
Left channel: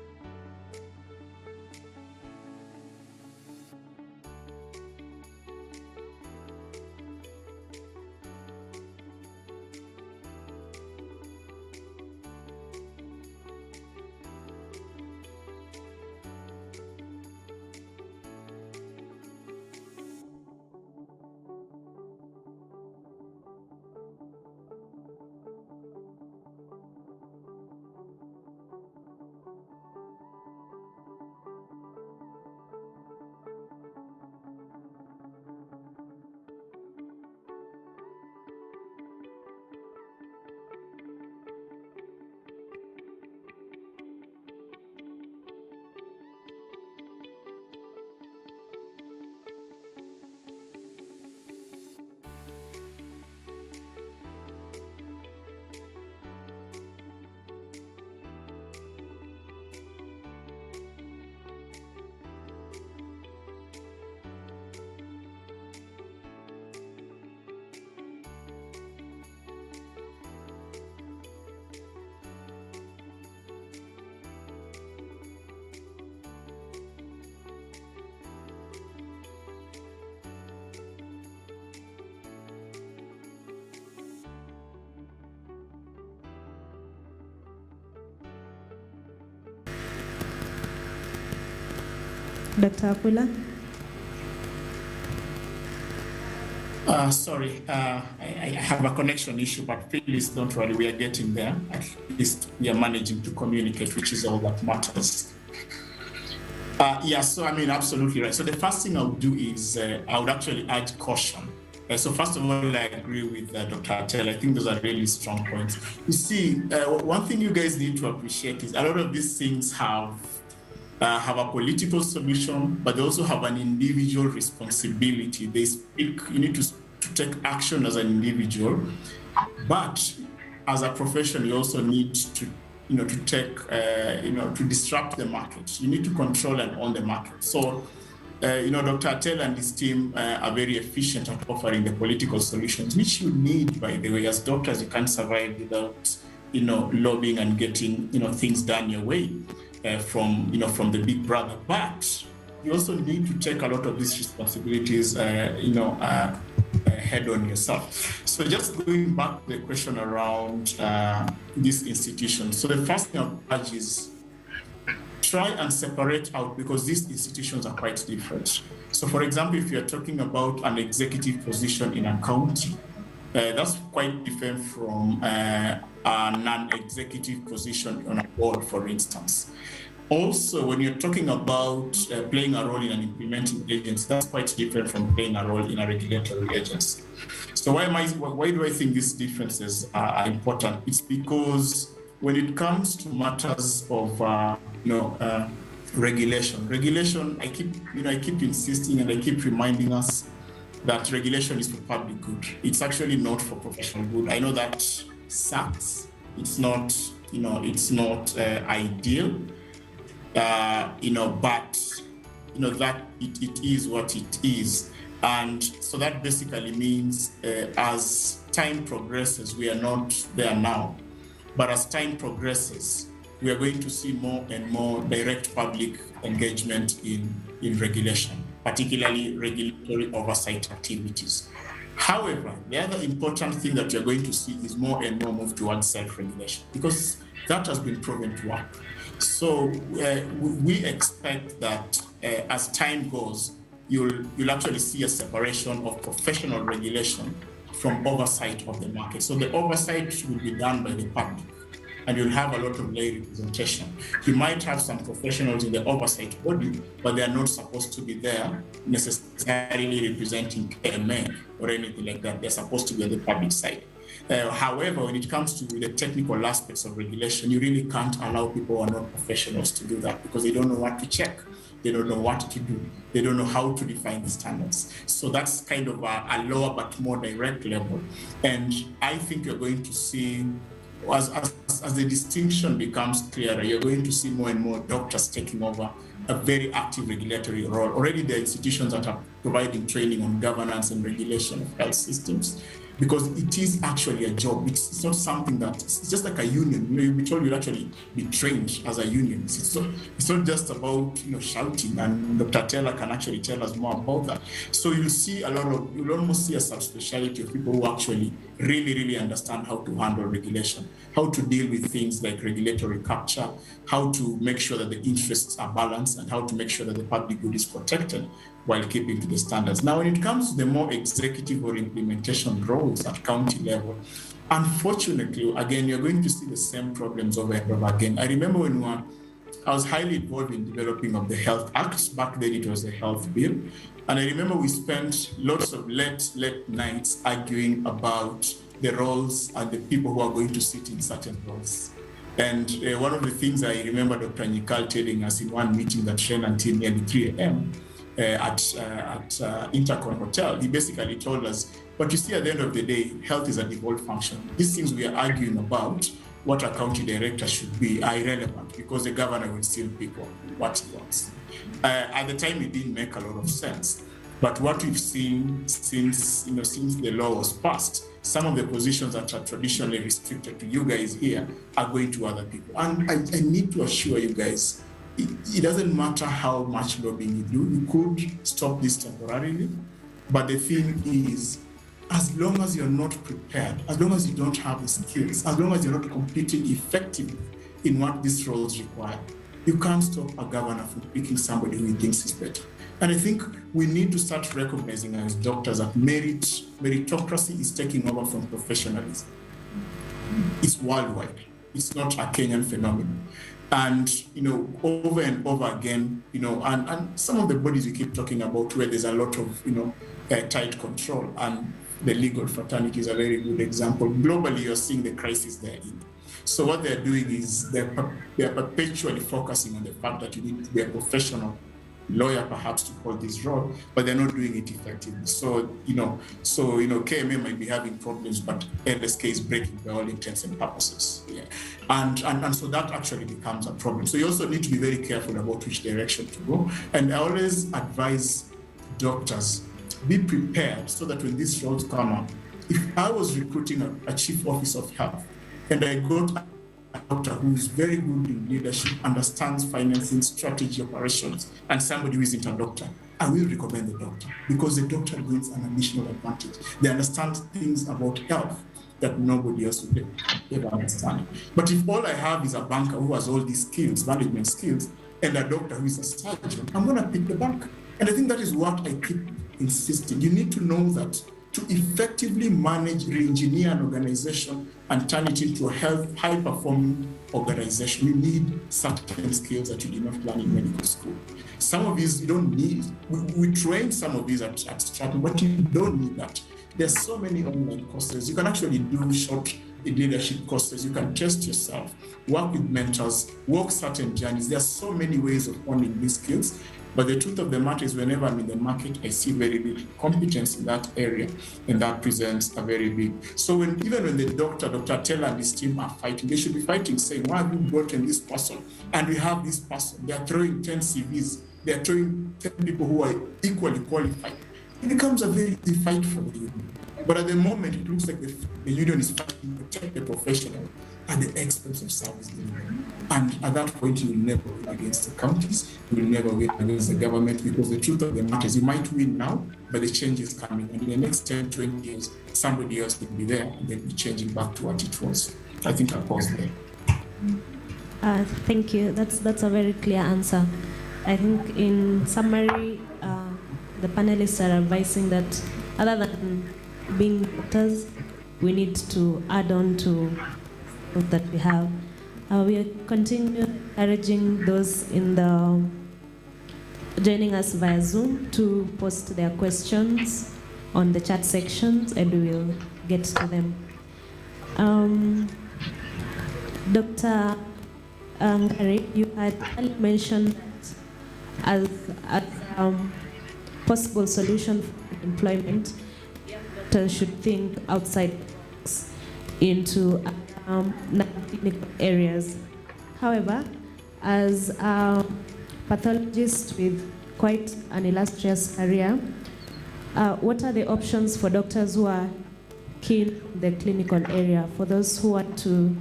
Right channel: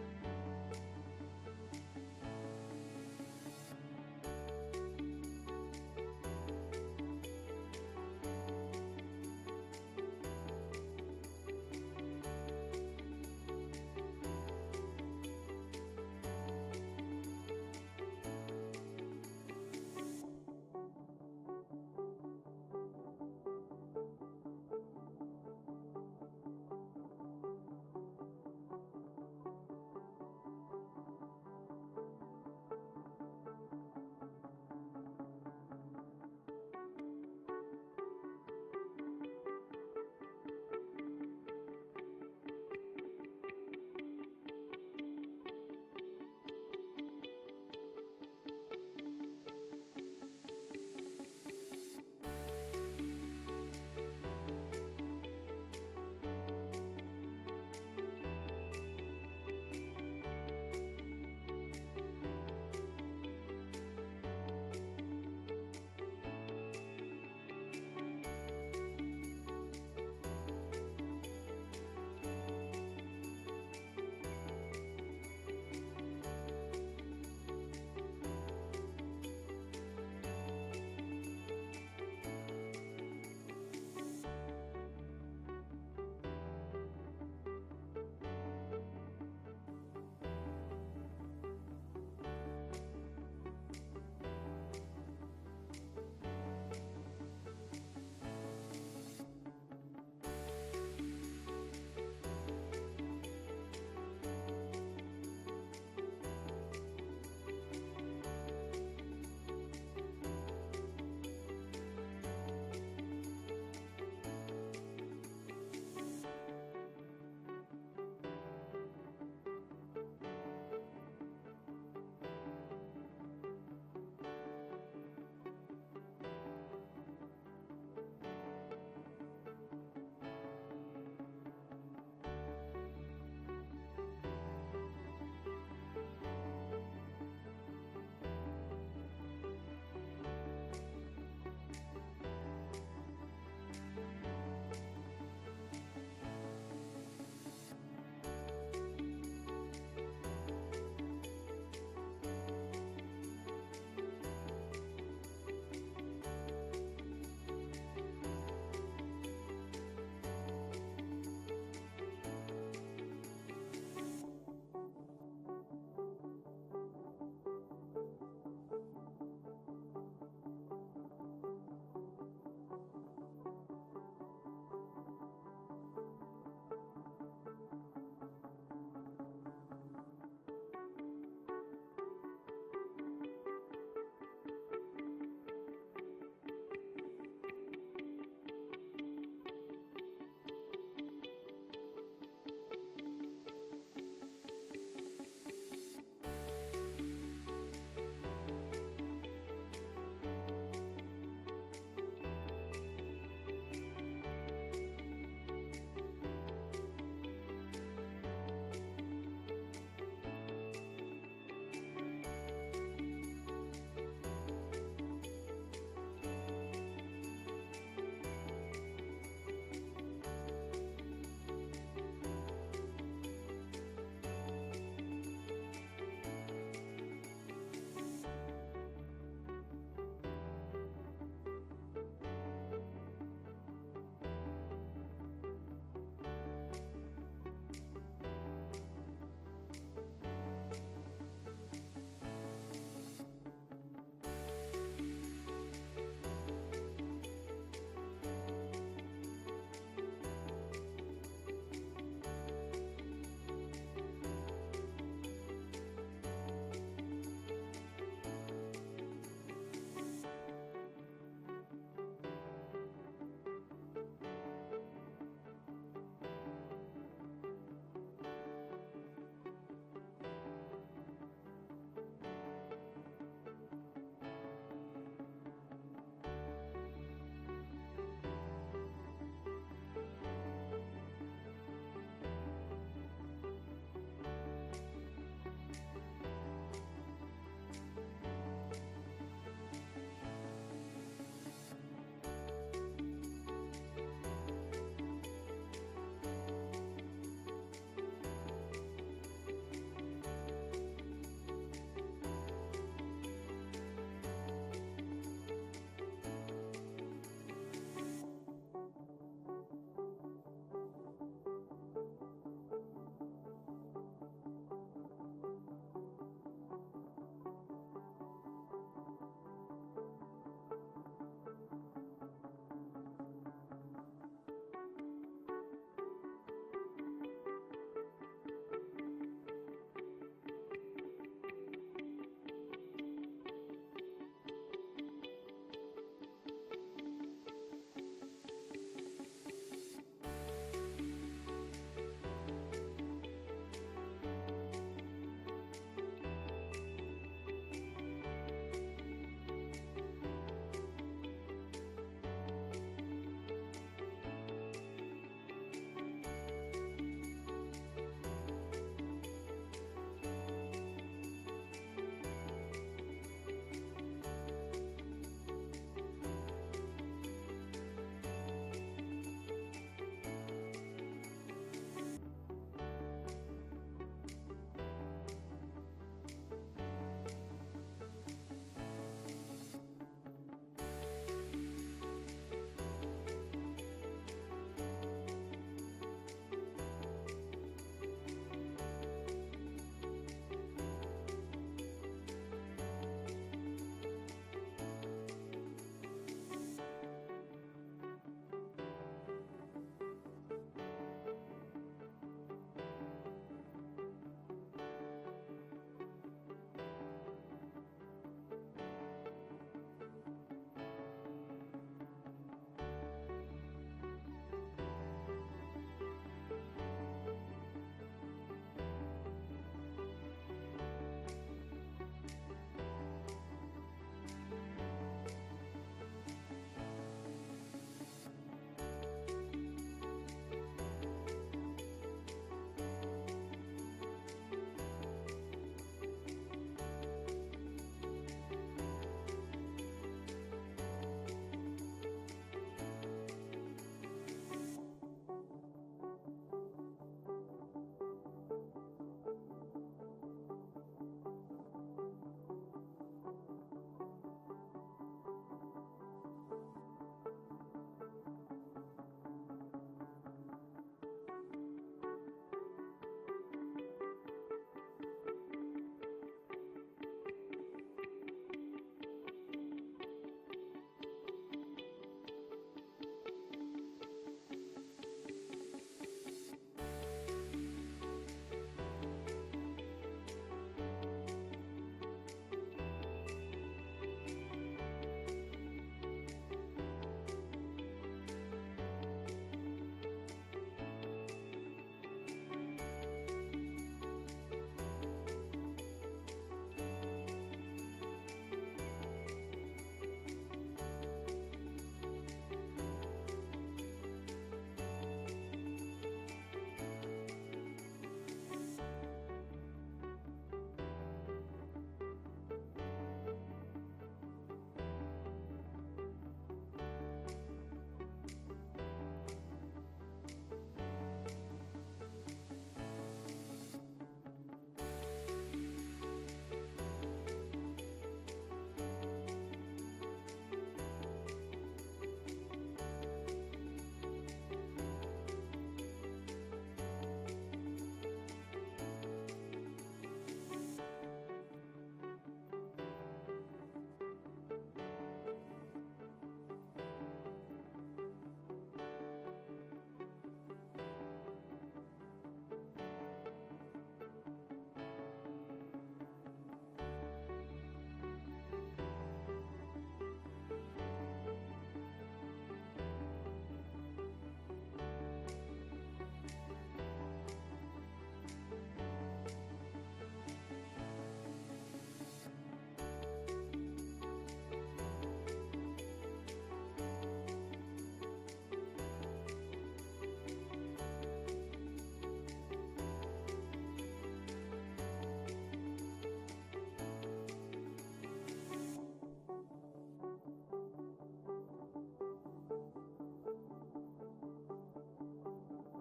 Dr. Apula? Sorry, I have a connection issue, but please don't worry, we are getting there. At least we are managing to communicate, which is all that matters. Yeah, so I mean, absolutely right. So the first thing I would do is I would actually add caution. So first of all, I agree with Dr. Attell. I think those are really strong points. You see, one thing you guys need to appreciate is a lot of these things have a political solution, but they also have an individual responsibility. They speak, you need to take action as an individual, but as a profession, you also need to, to take, to disrupt the market. You need to control and own the market. So, Dr. Attell and his team are very efficient at offering the political solutions, which you need, by the way. As doctors, you can't survive without, lobbying and getting, things done your way. From the big brother, but you also need to take a lot of these responsibilities, head on yourself. So just going back to the question around these institutions. So the first thing I urge is try and separate out, because these institutions are quite different. So for example, if you're talking about an executive position in a county, that's quite different from a non-executive position on a board, for instance. Also, when you're talking about playing a role in an implementing agency, that's quite different from playing a role in a regulatory agency. So why do I think these differences are important? It's because when it comes to matters of regulation, I keep insisting and I keep reminding us that regulation is for public good. It's actually not for professional good. I know that sucks. It's not ideal. But that it is what it is. And so that basically means as time progresses, we are not there now, but as time progresses, we are going to see more and more direct public engagement in regulation, particularly regulatory oversight activities. However, the other important thing that you're going to see is more and more move towards self-regulation, because that has been proven to work. So we expect that as time goes, you'll actually see a separation of professional regulation from oversight of the market. So the oversight will be done by the public, and you'll have a lot of lay representation. You might have some professionals in the oversight body, but they are not supposed to be there necessarily representing KMA or anything like that. They're supposed to be on the public side. However, when it comes to the technical aspects of regulation, you really can't allow people who are not professionals to do that, because they don't know what to check. They don't know what to do. They don't know how to define the standards. So that's kind of a lower but more direct level. And I think you're going to see, as the distinction becomes clearer, you're going to see more and more doctors taking over a very active regulatory role. Already there are institutions that are providing training on governance and regulation of health systems, because it is actually a job. It's not something that, it's just like a union. You'll be told you'll actually be trained as a union. It's not just about shouting, and Dr. Taylor can actually tell us more about that. So you'll almost see a subspecialty of people who actually really understand how to handle regulation, how to deal with things like regulatory capture, how to make sure that the interests are balanced, and how to make sure that the public good is protected while keeping to the standards. Now, when it comes to the more executive or implementation roles at county level, unfortunately, again, you're going to see the same problems over and over again. I remember when I was highly involved in developing of the Health Act. Back then, it was the Health Bill. And I remember we spent lots of late nights arguing about the roles and the people who are going to sit in certain roles. And one of the things I remember Dr. Nikal telling us in one meeting that ran until nearly 3 a.m. At Intercon Hotel, he basically told us, but you see, at the end of the day, health is a devolved function. These things we are arguing about, what a county director should be, are irrelevant, because the governor will still pick on what he wants. At the time, it didn't make a lot of sense. But what we've seen since the law was passed, some of the positions that are traditionally restricted to you guys here are going to other people. And I need to assure you guys, it doesn't matter how much lobbying you do, you could stop this temporarily. But the thing is, as long as you're not prepared, as long as you don't have the skills, as long as you're not competing effectively in what these roles require, You can't stop a governor from picking somebody who he thinks is better. And I think we need to start recognizing as doctors that meritocracy is taking over from professionalism. It's worldwide. It's not a Kenyan phenomenon. And, over and over again, and some of the bodies we keep talking about where there's a lot of, tight control, and the legal fraternity is a very good example. Globally, you're seeing the crisis they're in. So what they're doing is they're perpetually focusing on the fact that you need to be a professional lawyer perhaps to hold this role, but they're not doing it effectively. So, KMA might be having problems, but LSK is breaking by all intents and purposes. Yeah. And so that actually becomes a problem. So you also need to be very careful about which direction to go. And I always advise doctors, be prepared so that when these roles come up, if I was recruiting a chief office of health and I got a doctor who is very good in leadership, understands financing, strategy, operations, and somebody who isn't a doctor, I will recommend the doctor because the doctor brings an additional advantage. They understand things about health that nobody else would ever understand. But if all I have is a banker who has all these skills, management skills, and a doctor who is a surgeon, I'm going to pick the banker. And I think that is what I keep insisting. You need to know that to effectively manage, re-engineer an organization and turn it into a high-performing organization, you need certain skills that you did not learn in medical school. Some of these you don't need. We train some of these at Stratton, but you don't need that. There's so many online courses. You can actually do short leadership courses. You can test yourself, work with mentors, walk certain journeys. There are so many ways of honing these skills. But the truth of the matter is whenever I'm in the market, I see very little competence in that area, and that presents a very big. So even when the Dr. Taylor and his team are fighting, they should be fighting saying, why have you gotten this person? And we have this person. They are throwing 10 CVs. They are throwing 10 people who are equally qualified. It becomes a very easy fight for the union. But at the moment, it looks like the union is fighting to protect the professional at the expense of service delivery. And at that point, you will never win against the counties, you will never win against the government, because the truth of the matter is you might win now, but the change is coming. And in the next 10, 20 years, somebody else will be there and they'll be changing back to what it was. I think I'll pause there. Thank you. That's a very clear answer. I think in summary, the panelists are advising that other than being doctors, we need to add on to what that we have. We continue encouraging those in the joining us via Zoom to post their questions on the chat sections, and we will get to them. Dr. Ngari, you had mentioned as possible solution for employment, doctors should think outside into non-clinical areas. However, as a pathologist with quite an illustrious career, what are the options for doctors who are keen in the clinical area, for those who want to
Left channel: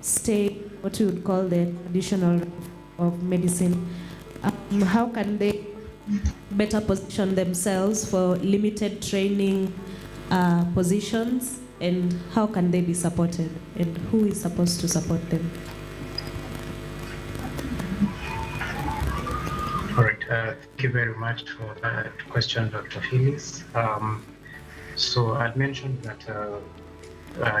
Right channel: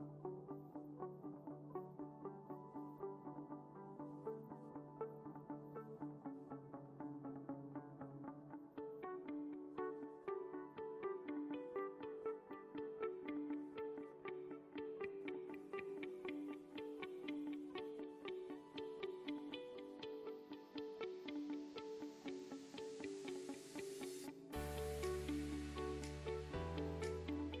stay what you would call the traditional of medicine? How can they better position themselves for limited training positions, and how can they be supported, and who is supposed to support them? All right, thank you very much for that question, Dr. Phyllis. So I'd mentioned that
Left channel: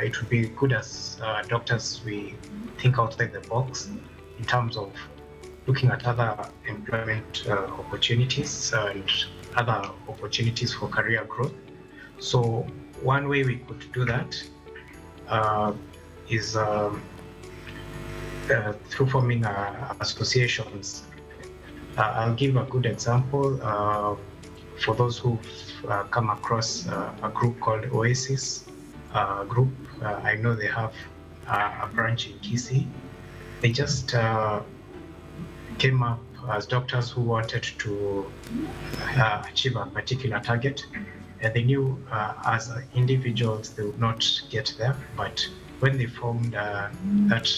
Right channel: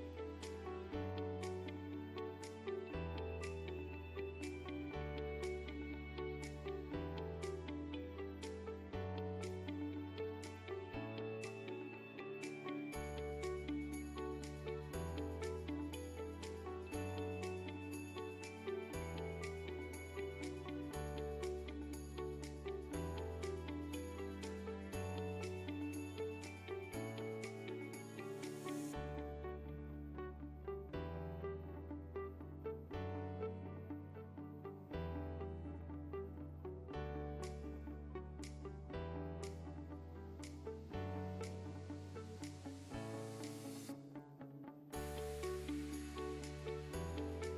it would be good as doctors we think outside the box in terms of looking at other employment opportunities and other opportunities for career growth. So one way we could do that is through forming associations. I'll give a good example for those who've come across a group called Oasis group. I know they have a branch in Kisii. They just came up as doctors who wanted to achieve a particular target. And they knew as individuals they would not get there, but when they formed that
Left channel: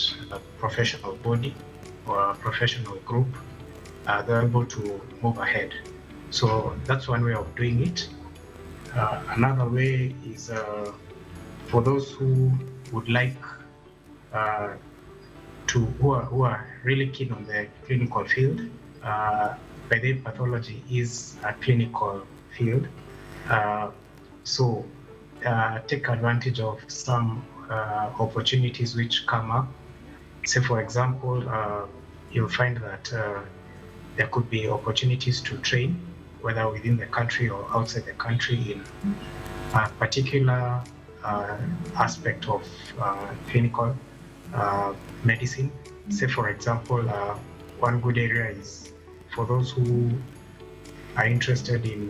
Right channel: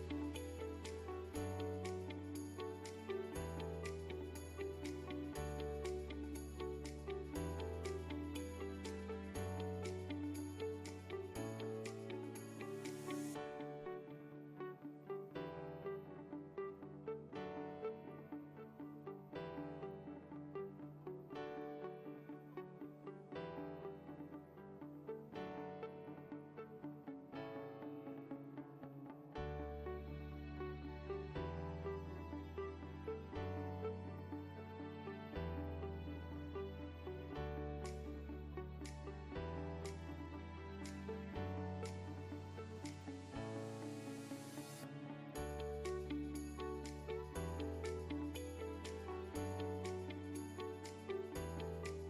professional body or a professional group, they were able to move ahead. So that's one way of doing it. Another way is for those who would like who are really keen on the clinical field. By the way, pathology is a clinical field. So take advantage of some opportunities which come up. Say, for example, you'll find that there could be opportunities to train, whether within the country or outside the country, in a particular aspect of clinical medicine. Say, for example, one good area is for those who are interested in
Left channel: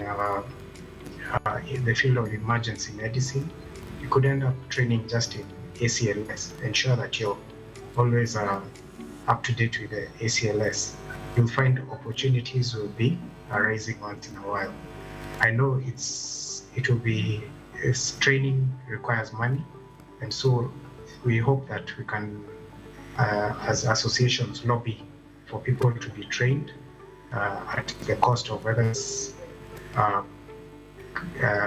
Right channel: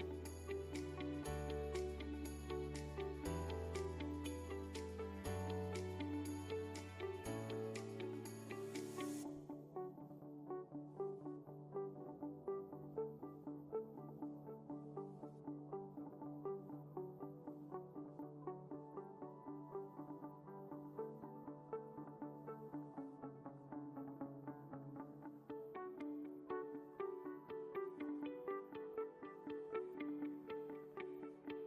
the field of emergency medicine. You could end up training just in ACLS. Ensure that you're always up to date with the ACLS. You'll find opportunities will be arising once in a while. I know training requires money, and so we hope that we can, as associations, lobby for people to be trained at the cost of whether it's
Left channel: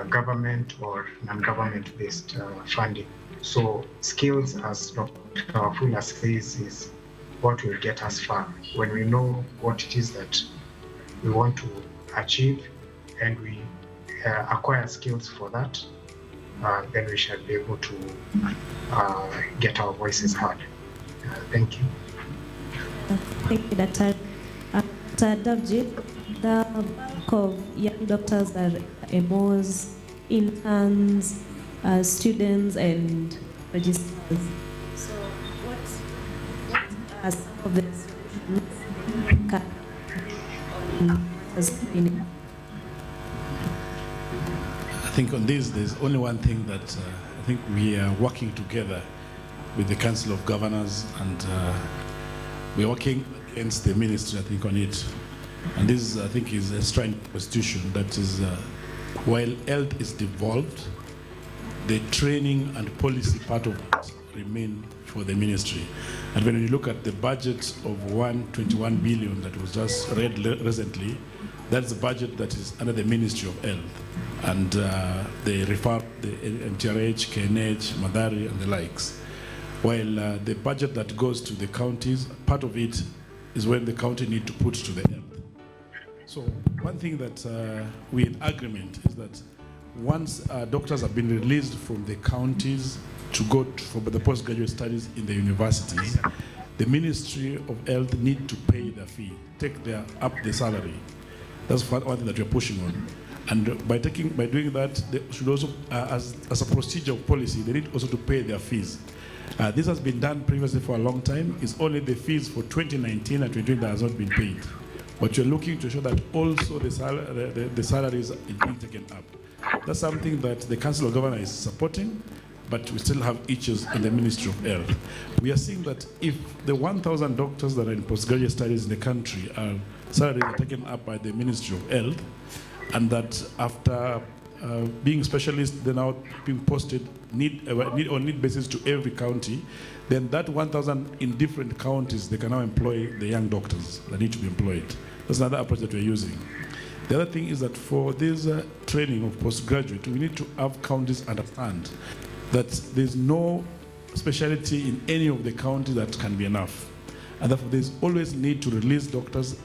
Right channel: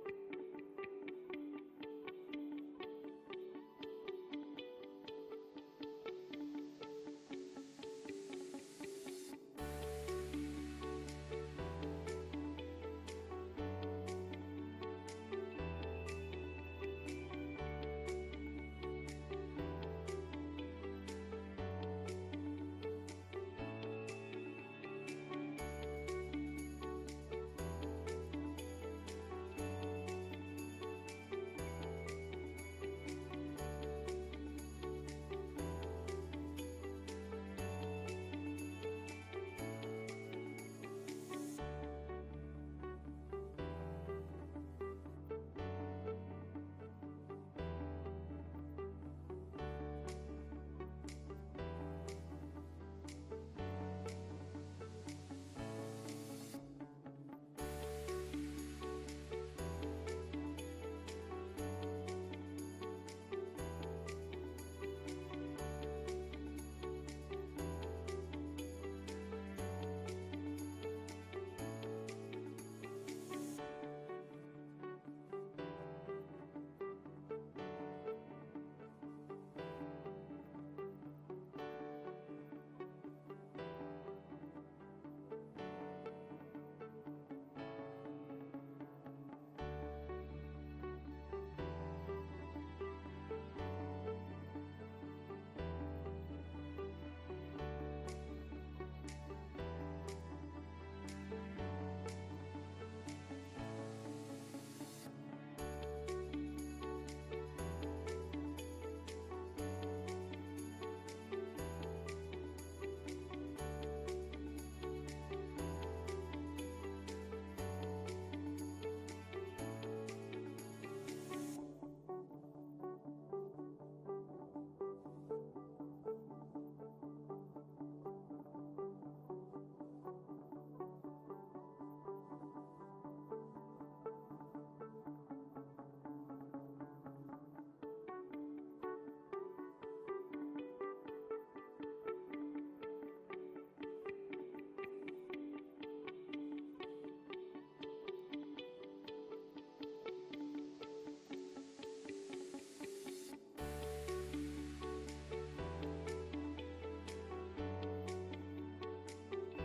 government or non-government based funding. So skills, as Dr. Wafula says, is what will get us far. When we know what it is that we want to achieve and we acquire skills for that, then we shall be able to get our voices heard. Thank you. Thank you, Dr. Devt. The bulk of young doctors are MOs, interns, students, and registrars. So, what are some of the solutions? I think on this, there's only one thing that I think we are working together with the Council of Governors, and we're working against the ministry, I think, on it. And this, I think, is a strong constitution that is, while health is devolved, the training and policy part of it remain for the ministry. And when you look at the budget of 121 billion that was just read recently, that's the budget that is under the Ministry of Health. And they refer the NTRH, KNH, Madari, and the likes. While the budget that goes to the counties, part of it is when the county need to put to the health. So one thing that we're in agreement is that once doctors have been released from the counties to go for the postgraduate studies in the universities, the Ministry of Health need to pay their fee, up the salary. That's one thing that we're pushing on. And by doing that, they should also, as a procedure of policy, they need also to pay their fees. This has been done previously for a long time. It's only the fees for 2019 and 2020 that has not been paid. But you're looking to show that also the salaries are being taken up. That's something that the Council of Governors is supporting, but we still have issues in the Ministry of Health. We are seeing that if the 1,000 doctors that are in postgraduate studies in the country salaries are taken up by the Ministry of Health, and that after being specialists, they're now being posted on need basis to every county, then that 1,000 in different counties, they can now employ the young doctors that need to be employed. That's another approach that we're using. The other thing is that for this training of postgraduate, we need to have counties understand that there's no specialty in any of the counties that can be enough. And therefore, there's always need to release doctors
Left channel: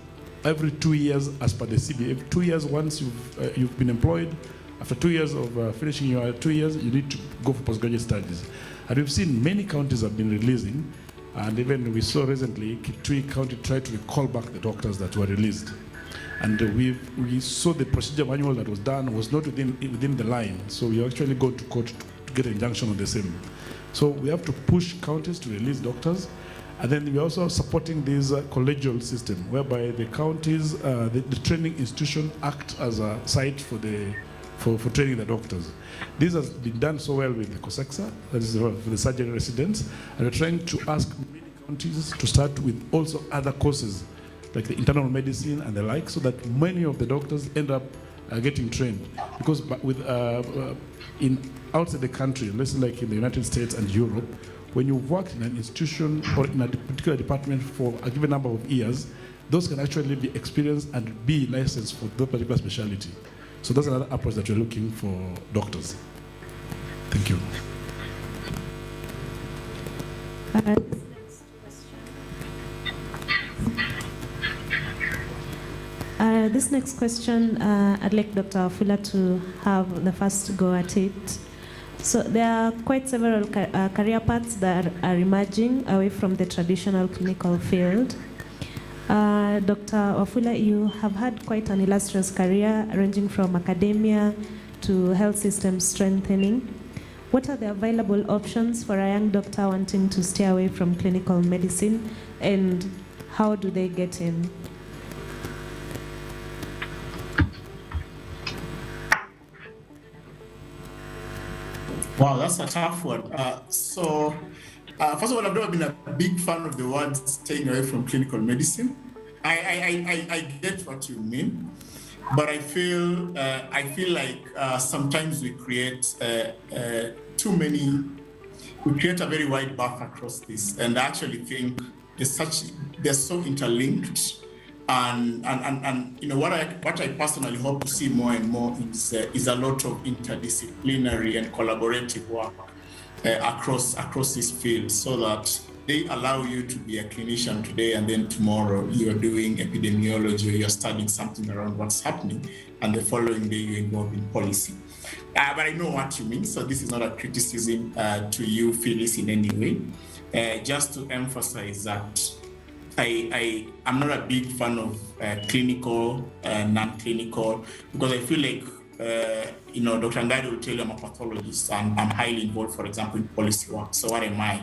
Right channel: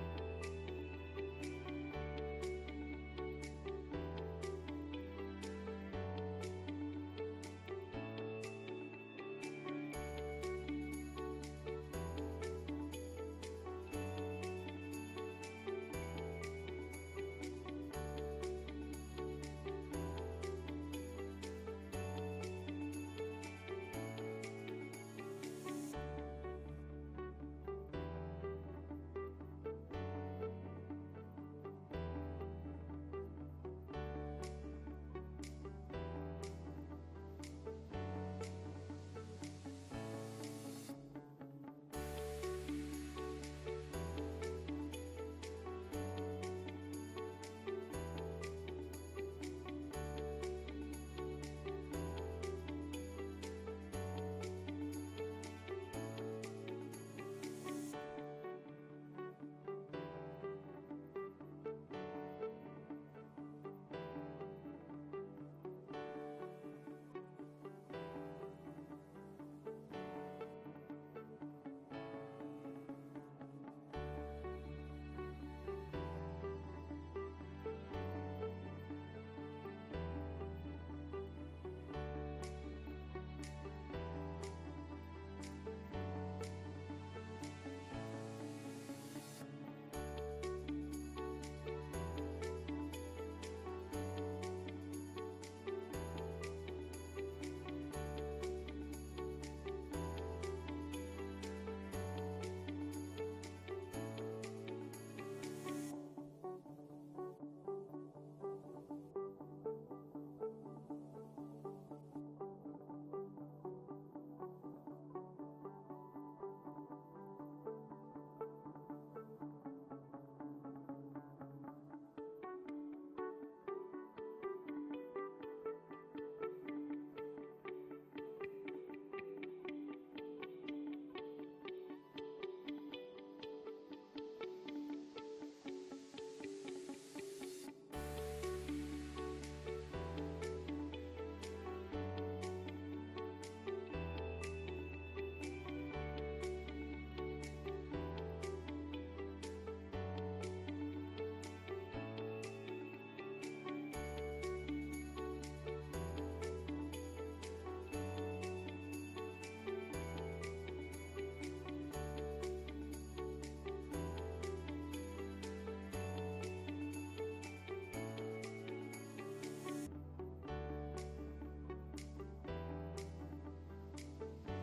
every 2 years as per the CBA. Every 2 years, once you've been employed, after 2 years of finishing your 2 years, you need to go for postgraduate studies. And we've seen many counties have been releasing, and even we saw recently, Kitui County tried to recall back the doctors that were released. And we saw the procedure manual that was done was not within the line, so we actually go to court to get an injunction on the same. So we have to push counties to release doctors. And then we're also supporting this collegial system, whereby the counties, the training institution act as a site for training the doctors. This has been done so well with the COSEXA, that is for the surgery residents, and we're trying to ask many counties to start with also other courses, like the internal medicine and the like, so that many of the doctors end up getting trained. Because outside the country, let's say like in the United States and Europe, when you've worked in an institution or in a particular department for a given number of years, those can actually be experienced and be licensed for that particular specialty. So that's another approach that we're looking for doctors. Thank you. This next question, I'd like Dr. Wafula to have the first go at it. So there are quite several career paths that are emerging away from the traditional clinical field. Dr. Wafula, you have had quite an illustrious career ranging from academia to health system strengthening. What are the available options for a young doctor wanting to stay away from clinical medicine, and how do they get in? Wow, that's a tough one. First of all, I've never been a big fan of the word staying away from clinical medicine. I get what you mean, but I feel like sometimes we create we create a very wide buffer across this, and I actually think they're so interlinked. And you know what I personally hope to see more and more is a lot of interdisciplinary and collaborative work across this field, so that they allow you to be a clinician today and then tomorrow you're doing epidemiology or you're studying something around what's happening, and the following day you're involved in policy. But I know what you mean, so this is not a criticism to you, Phyllis, in any way. Just to emphasize that I'm not a big fan of clinical, non-clinical, because I feel like, Dr. Ngadi will tell you I'm a pathologist and I'm highly involved, for example, in policy work. So what am I?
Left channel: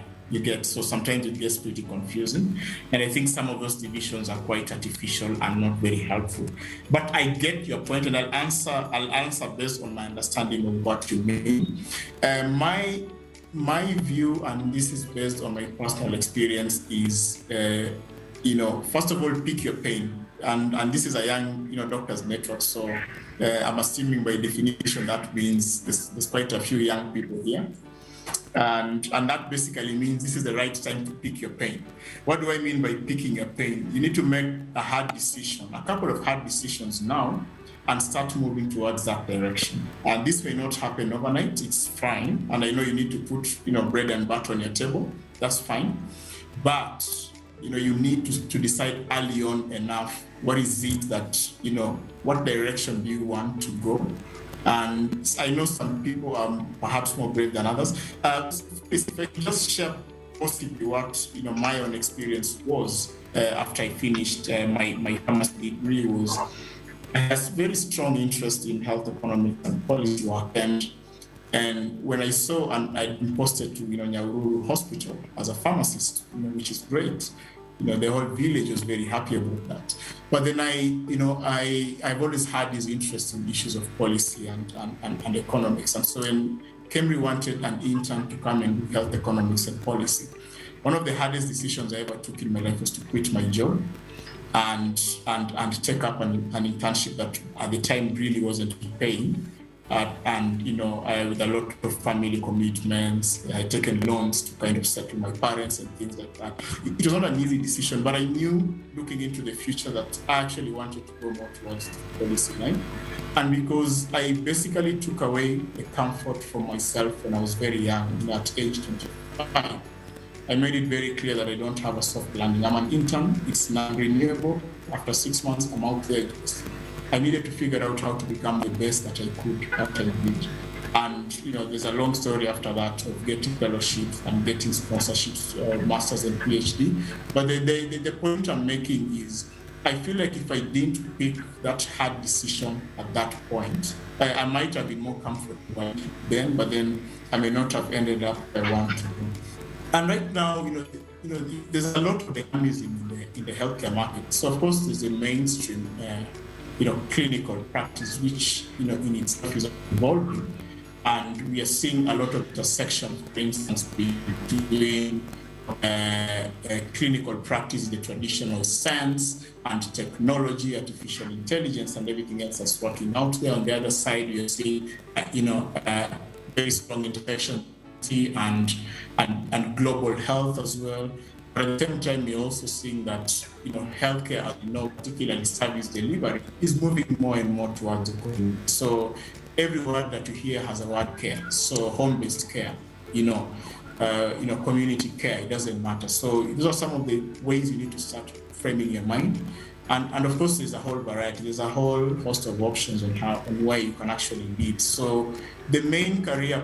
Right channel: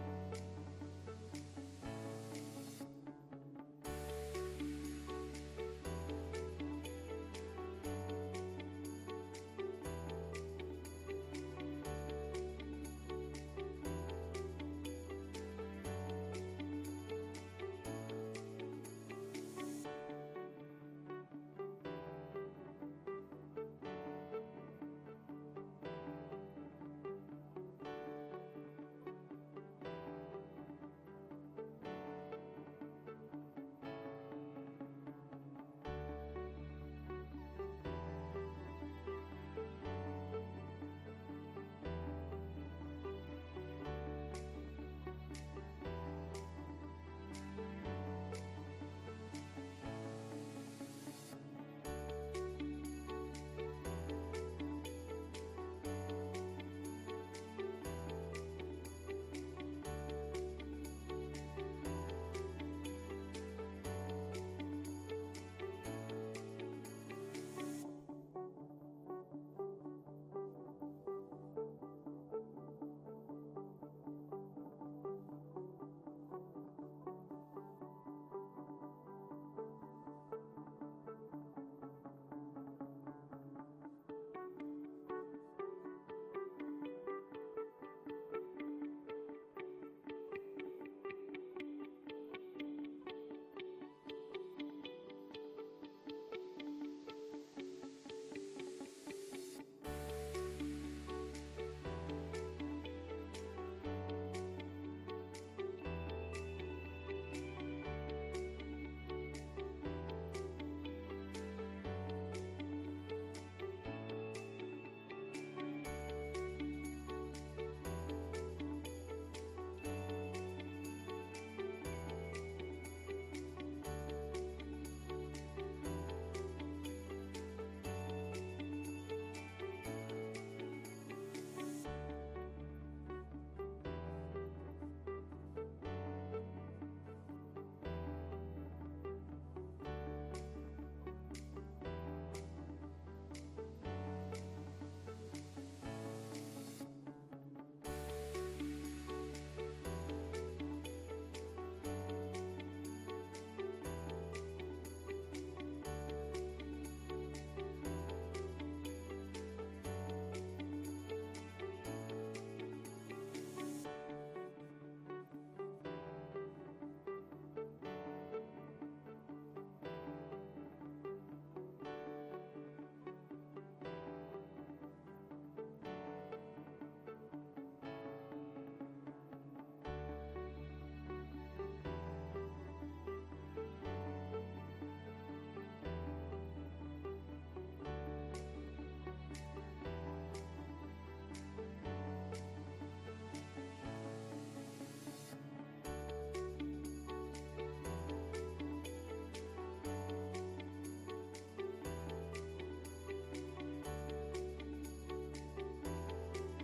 So sometimes it gets pretty confusing. And I think some of those divisions are quite artificial and not very helpful. But I get your point, and I'll answer based on my understanding of what you mean. My view, and this is based on my personal experience, is first of all, pick your pain. And this is a young, doctors network. So I'm assuming by definition that means there's quite a few young people here. And that basically means this is the right time to pick your pain. What do I mean by picking your pain? You need to make a hard decision, a couple of hard decisions now, and start moving towards that direction. And this may not happen overnight, it's fine. And I know you need to put, bread and butter on your table, that's fine. But you need to decide early on enough, what is it that, what direction do you want to go? And I know some people are perhaps more brave than others. If I can just share possibly what, my own experience was after I finished my pharmacy degree was, I had a very strong interest in health economics and policy work. And when I saw, and I'd been posted to Nyahururu Hospital as a pharmacist, which is great. The whole village was very happy about that. But then I've always had this interest in issues of policy and economics. And so when Kemri wanted an intern to come and do health economics and policy, one of the hardest decisions I ever took in my life was to quit my job and take up an internship that at the time really wasn't paying. With a lot of family commitments, I had taken loans to kind of settle my parents and things like that. It was not an easy decision, but I knew looking into the future that I actually wanted to go more towards the policy line. And because I basically took away the comfort for myself when I was very young, at age 25, I made it very clear that I don't have a soft landing. I'm an intern, it's non-renewable. After 6 months, I'm out there. I needed to figure out how to become the best that I could after I did. And there's a long story after that of getting fellowships and getting sponsorships, masters and PhD. But the point I'm making is, I feel like if I didn't pick that hard decision at that point, I might have been more comfortable then, but then I may not have ended up where I want to be. And right now, there's a lot of dynamism in the healthcare market. So of course, there's a mainstream clinical practice, which, in itself is evolving. And we are seeing a lot of intersection, for instance, between clinical practice, the traditional science and technology, artificial intelligence, and everything else that's working out there. On the other side, you're seeing, very strong intersection and global health as well. But at the same time, we're also seeing that healthcare, particularly service delivery, is moving more and more towards the community. So every word that you hear has a word care. So home-based care, community care, it doesn't matter. So these are some of the ways you need to start framing your mind. And of course, there's a whole variety. There's a whole host of options on where you can actually lead. So the main career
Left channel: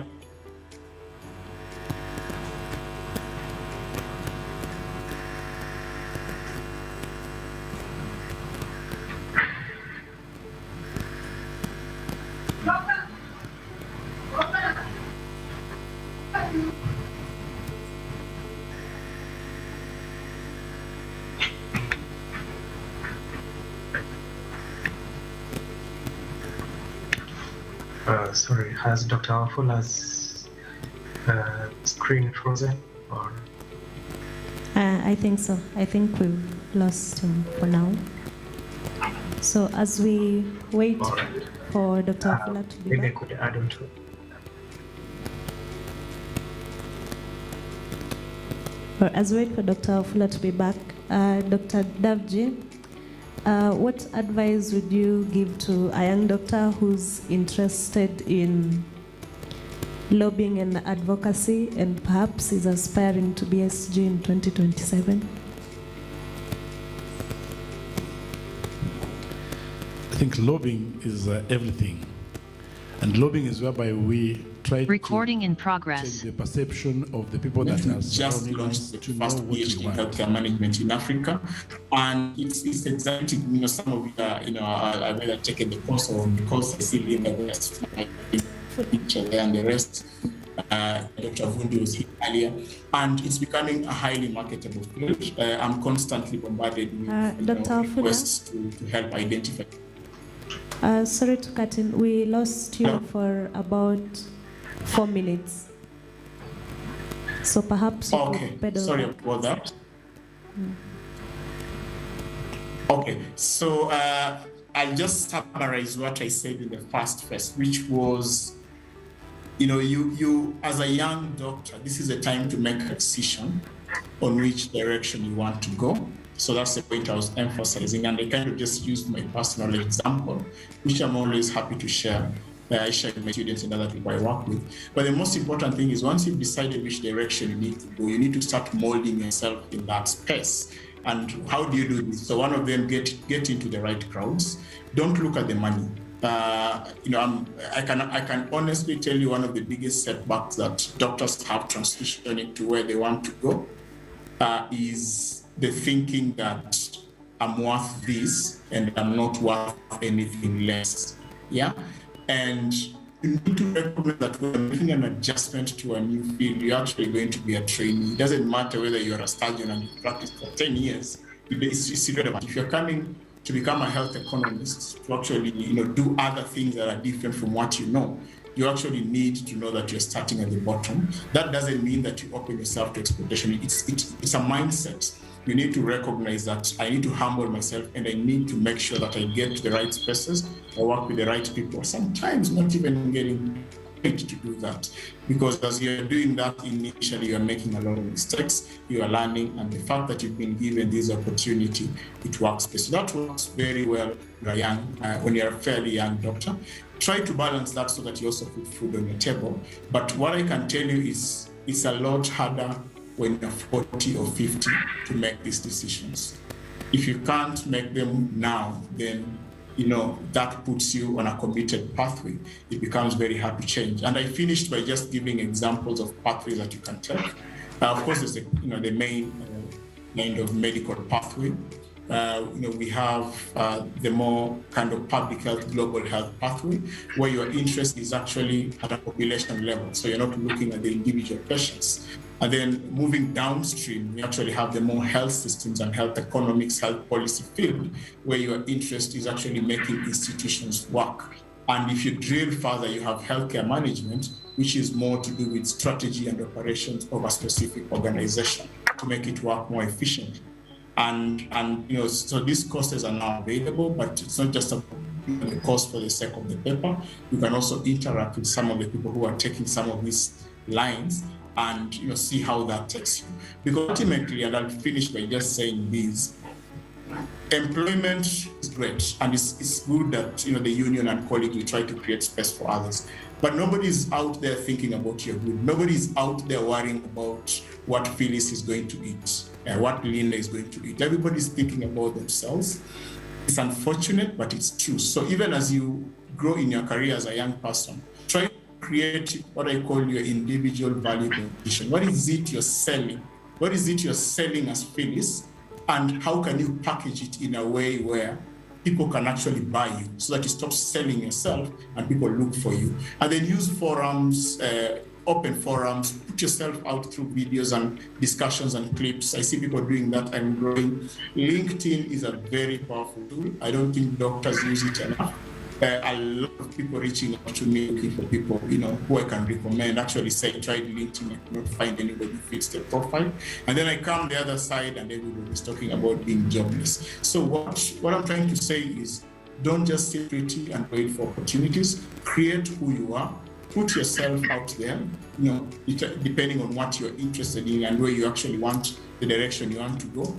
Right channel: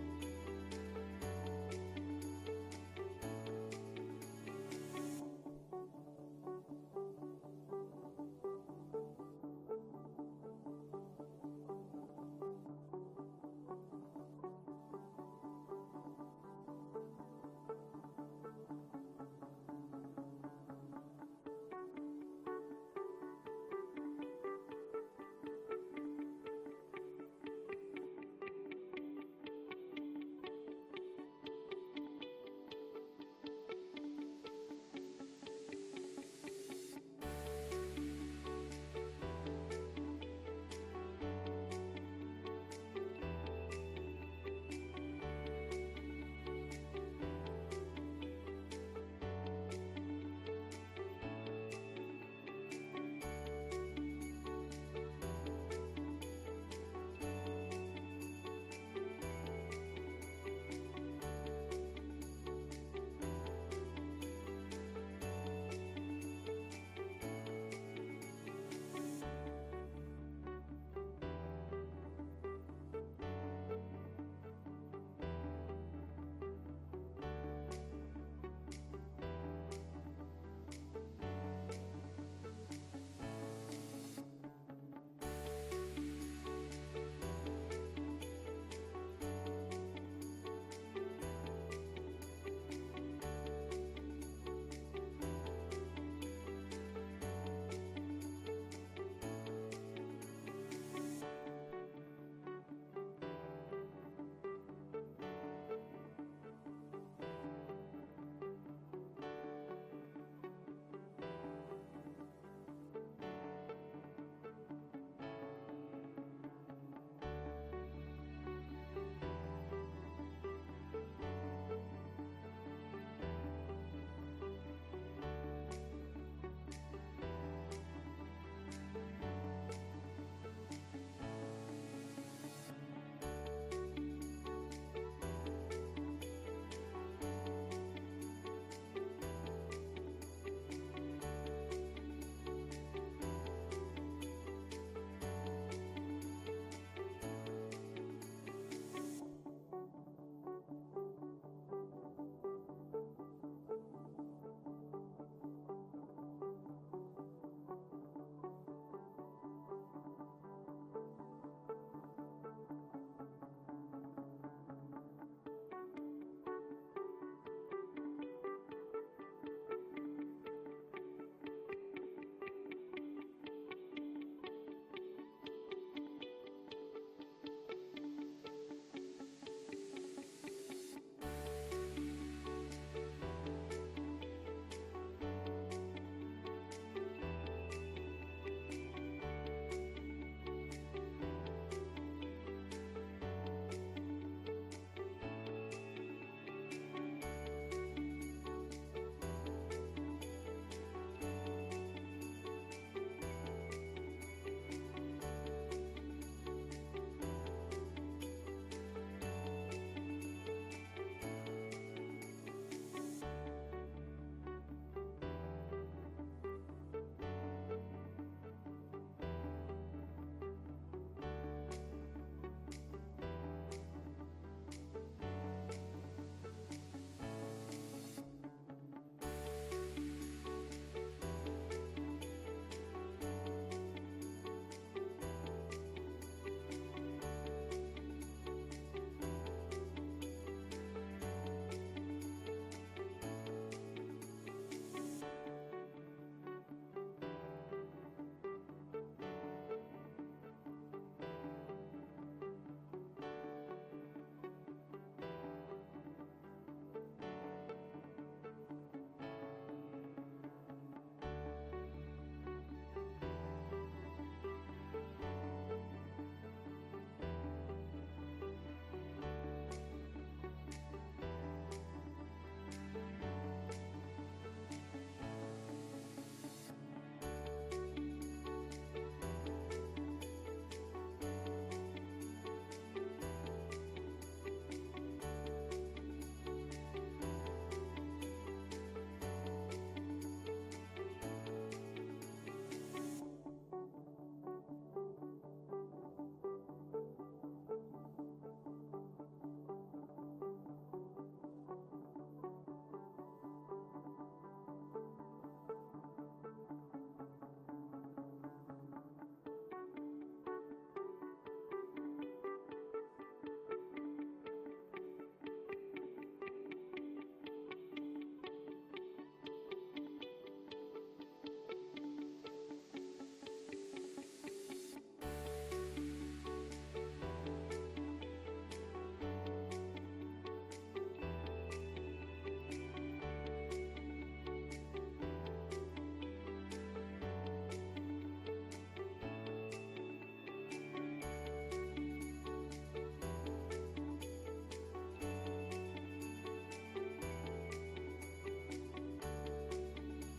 sorry, has Dr. Wafula's screen frozen? Or? I think so. I think we've lost him for now. So as we wait for Dr. Wafula to be maybe back. I could add on to it. Or as we wait for Dr. Wafula to be back, Dr. devt, what advice would you give to a young doctor who's interested in lobbying and advocacy and perhaps is aspiring to be SG in 2027? I think lobbying is everything. And lobbying is whereby we try Recording in to progress. change the perception of the people that are just surrounding launched us the to know first what we PhD in want. healthcare management in Africa, and it's exciting. You know, some of you I've either taken the course or because I see in the rest for each other and the rest. Dr. Vundi was here earlier, and it's becoming a highly marketable field. I'm constantly bombarded with requests to help identify. Sorry to cut in. We lost you for about 4 minutes. So perhaps you Okay, could pedal sorry back. about that. Okay, so I'll just summarize what I said in the first phase, which was, you as a young doctor, this is a time to make a decision on which direction you want to go. So that's the point I was emphasizing, and I kind of just used my personal example, which I'm always happy to share. I share with my students and other people I work with. But the most important thing is once you've decided which direction you need to go, you need to start molding yourself in that space. And how do you do this? So one of them, get into the right crowds. Don't look at the money. I can honestly tell you one of the biggest setbacks that doctors have transitioning to where they want to go is the thinking that I'm worth this and I'm not worth anything less. Yeah. And you need to recognize that when you're making an adjustment to a new field, you're actually going to be a trainee. It doesn't matter whether you're a surgeon and you practice for 10 years. It's irrelevant. If you're coming to become a health economist, to actually do other things that are different from what you know, you actually need to know that you're starting at the bottom. That doesn't mean that you open yourself to exploitation. It's a mindset. You need to recognize that I need to humble myself and I need to make sure that I get to the right spaces, I work with the right people, sometimes not even getting paid to do that. Because as you're doing that, initially you're making a lot of mistakes, you are learning, and the fact that you've been given this opportunity, it works. So that works very well when you're a fairly young doctor. Try to balance that so that you also put food on your table. But what I can tell you is it's a lot harder when you're 40 or 50 to make these decisions. If you can't make them now, then that puts you on a committed pathway. It becomes very hard to change. And I finished by just giving examples of pathways that you can take. Of course, there's the main kind of medical pathway. We have the more kind of public health, global health pathway, where your interest is actually at a population level. So you're not looking at the individual patients. And then moving downstream, we actually have the more health systems and health economics, health policy field, where your interest is actually making institutions work. And if you drill further, you have healthcare management, which is more to do with strategy and operations of a specific organization to make it work more efficiently. And so these courses are now available, but it's not just the course for the sake of the paper. You can also interact with some of the people who are taking some of these lines and see how that takes you. Because ultimately, and I'll finish by just saying this, employment is great, and it's good that the union and college will try to create space for others. But nobody's out there thinking about your good. Nobody's out there worrying about what Phyllis is going to eat. what Linda is going to do. Everybody's thinking about themselves. It's unfortunate, but it's true. So even as you grow in your career as a young person, try to create what I call your individual value proposition. What is it you're selling? What is it you're selling as Phyllis? And how can you package it in a way where people can actually buy you so that you stop selling yourself and people look for you? And then use forums, open forums, put yourself out through videos and discussions and clips. I see people doing that and growing. LinkedIn is a very powerful tool. I don't think doctors use it enough. A lot of people reaching out to me looking for people, who I can recommend. Actually, say tried LinkedIn, I could not find anybody who fits the profile. And then I come the other side, and everybody is talking about being jobless. So what I'm trying to say is, don't just sit pretty and wait for opportunities. Create who you are. Put yourself out there. Depending on what you're interested in and where you actually want, the direction you want to go.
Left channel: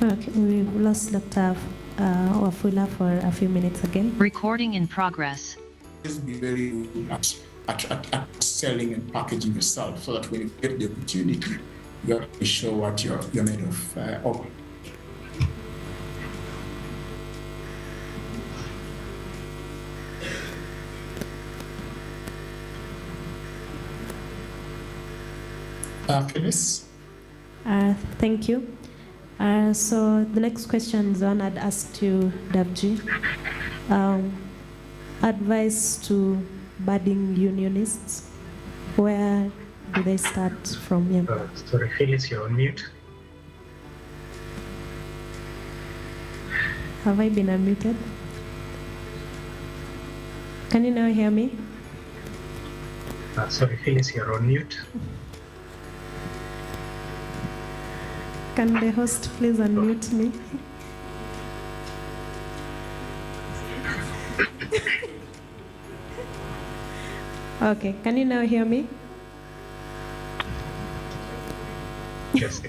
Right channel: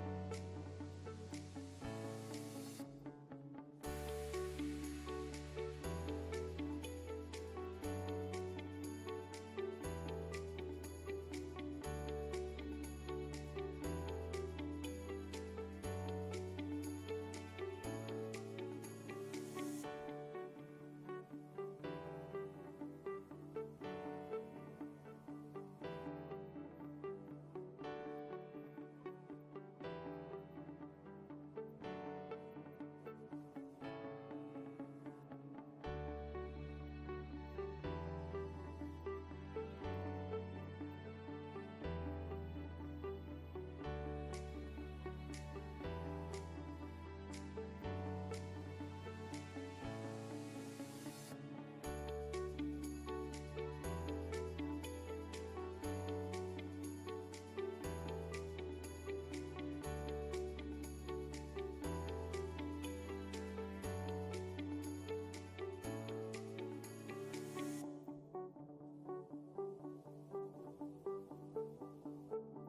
Okay, we've lost Dr. Wafula for a few minutes again. Recording in progress. Just be very good at selling and packaging yourself so that when you get the opportunity, you have to show what you're made of. Phyllis? Thank you. So the next question is one I'd ask to devt. Advice to budding unionists. Where do they start from? Yeah. Sorry, Phyllis, you're on mute. Have I been unmuted? Can you now hear me? Sorry, Phyllis, you're on mute. Can the host please unmute me? Okay, can you now hear me? Yes.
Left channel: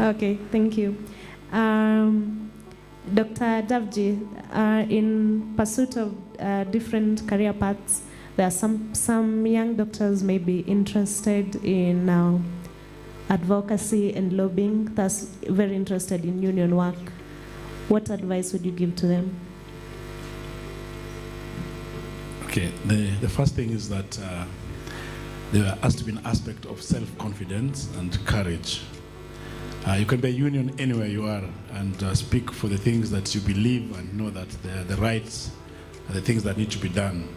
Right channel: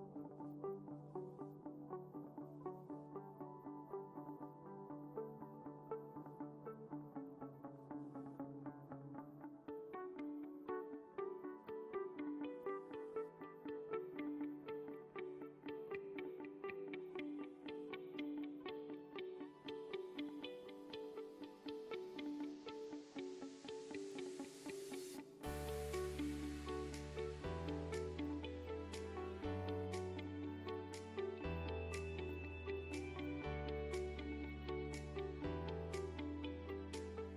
Okay, thank you. Dr. Devt, in pursuit of different career paths, there are some young doctors may be interested in advocacy and lobbying, thus very interested in union work. What advice would you give to them? Okay, the first thing is that there has to be an aspect of self-confidence and courage. You can be a union anywhere you are and speak for the things that you believe and know that they're the rights, the things that need to be done.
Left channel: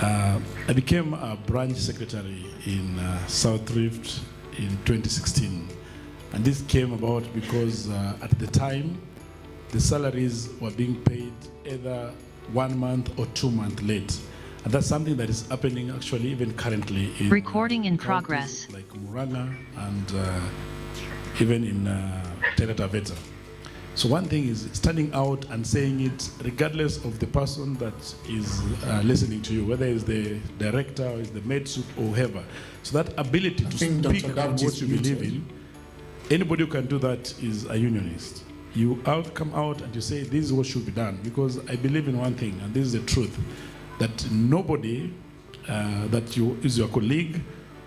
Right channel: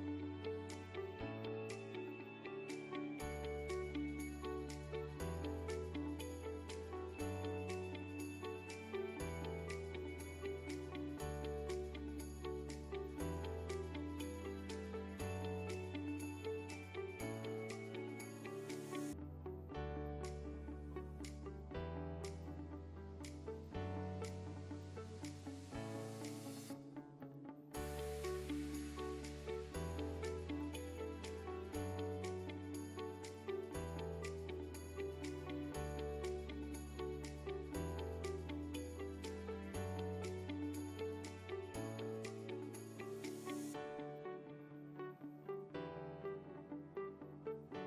I became a branch secretary in South Rift in 2016, and this came about because at the time the salaries were being paid either 1 month or 2 months late, and that's something that is happening actually even currently in Recording in progress. like Muranga and even in Taita Taveta. So one thing is standing out and saying it regardless of the person that is listening to you, whether it's the director or it's the med sup or whoever. So that ability to speak about what you believe in, anybody who can do that is a unionist. You come out and you say this is what should be done, because I believe in one thing, and this is the truth, that nobody that is your colleague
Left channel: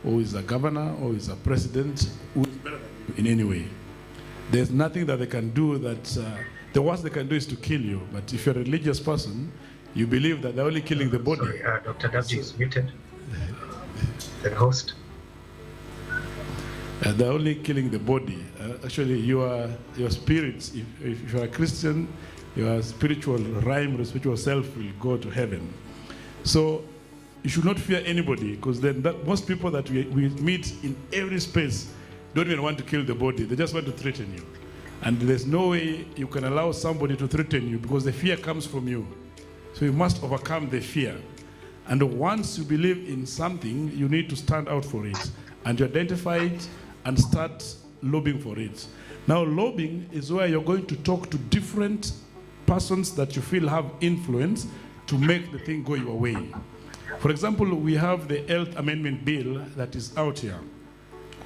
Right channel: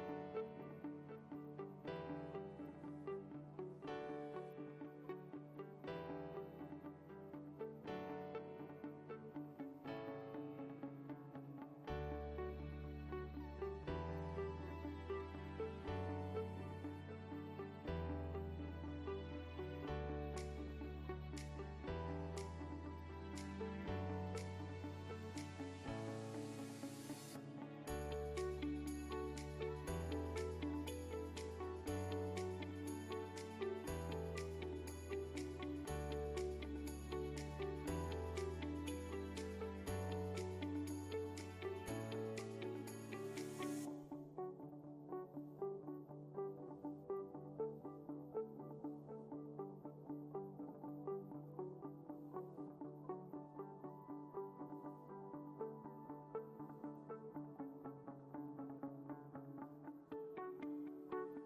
or is a governor or is a president who is better than you in any way. There's nothing that they can do that, the worst they can do is to kill you. But if you're a religious person, you believe that they're only killing the body. Sorry, Dr. Devt is muted. The host. They're only killing the body. Actually, your spirit, if you're a Christian, your spiritual realm, your spiritual self will go to heaven. So you should not fear anybody, because then most people that we meet in every space don't even want to kill the body. They just want to threaten you. And there's no way you can allow somebody to threaten you, because the fear comes from you. So you must overcome the fear. And once you believe in something, you need to stand out for it. And you identify it and start lobbying for it. Now, lobbying is where you're going to talk to different persons that you feel have influence to make the thing go your way. For example, we have the Health Amendment Bill that is out here.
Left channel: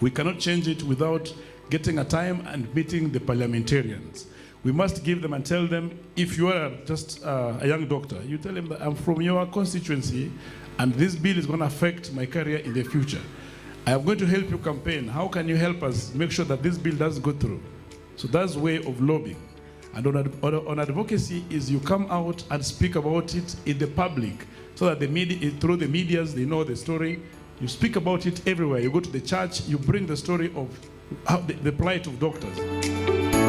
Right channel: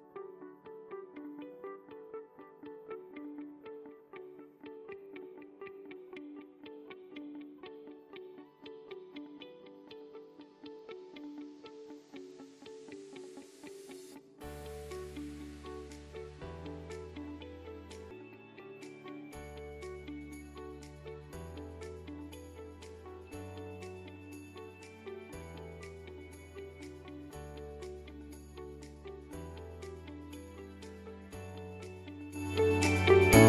We cannot change it without getting a time and meeting the parliamentarians. We must give them and tell them, if you are just a young doctor, you tell them that I'm from your constituency and this bill is going to affect my career in the future. I am going to help you campaign. How can you help us make sure that this bill doesn't go through? So that's way of lobbying. And on advocacy is you come out and speak about it in the public so that the media, through the medias, they know the story. You speak about it everywhere. You go to the church, you bring the story of how the plight of doctors.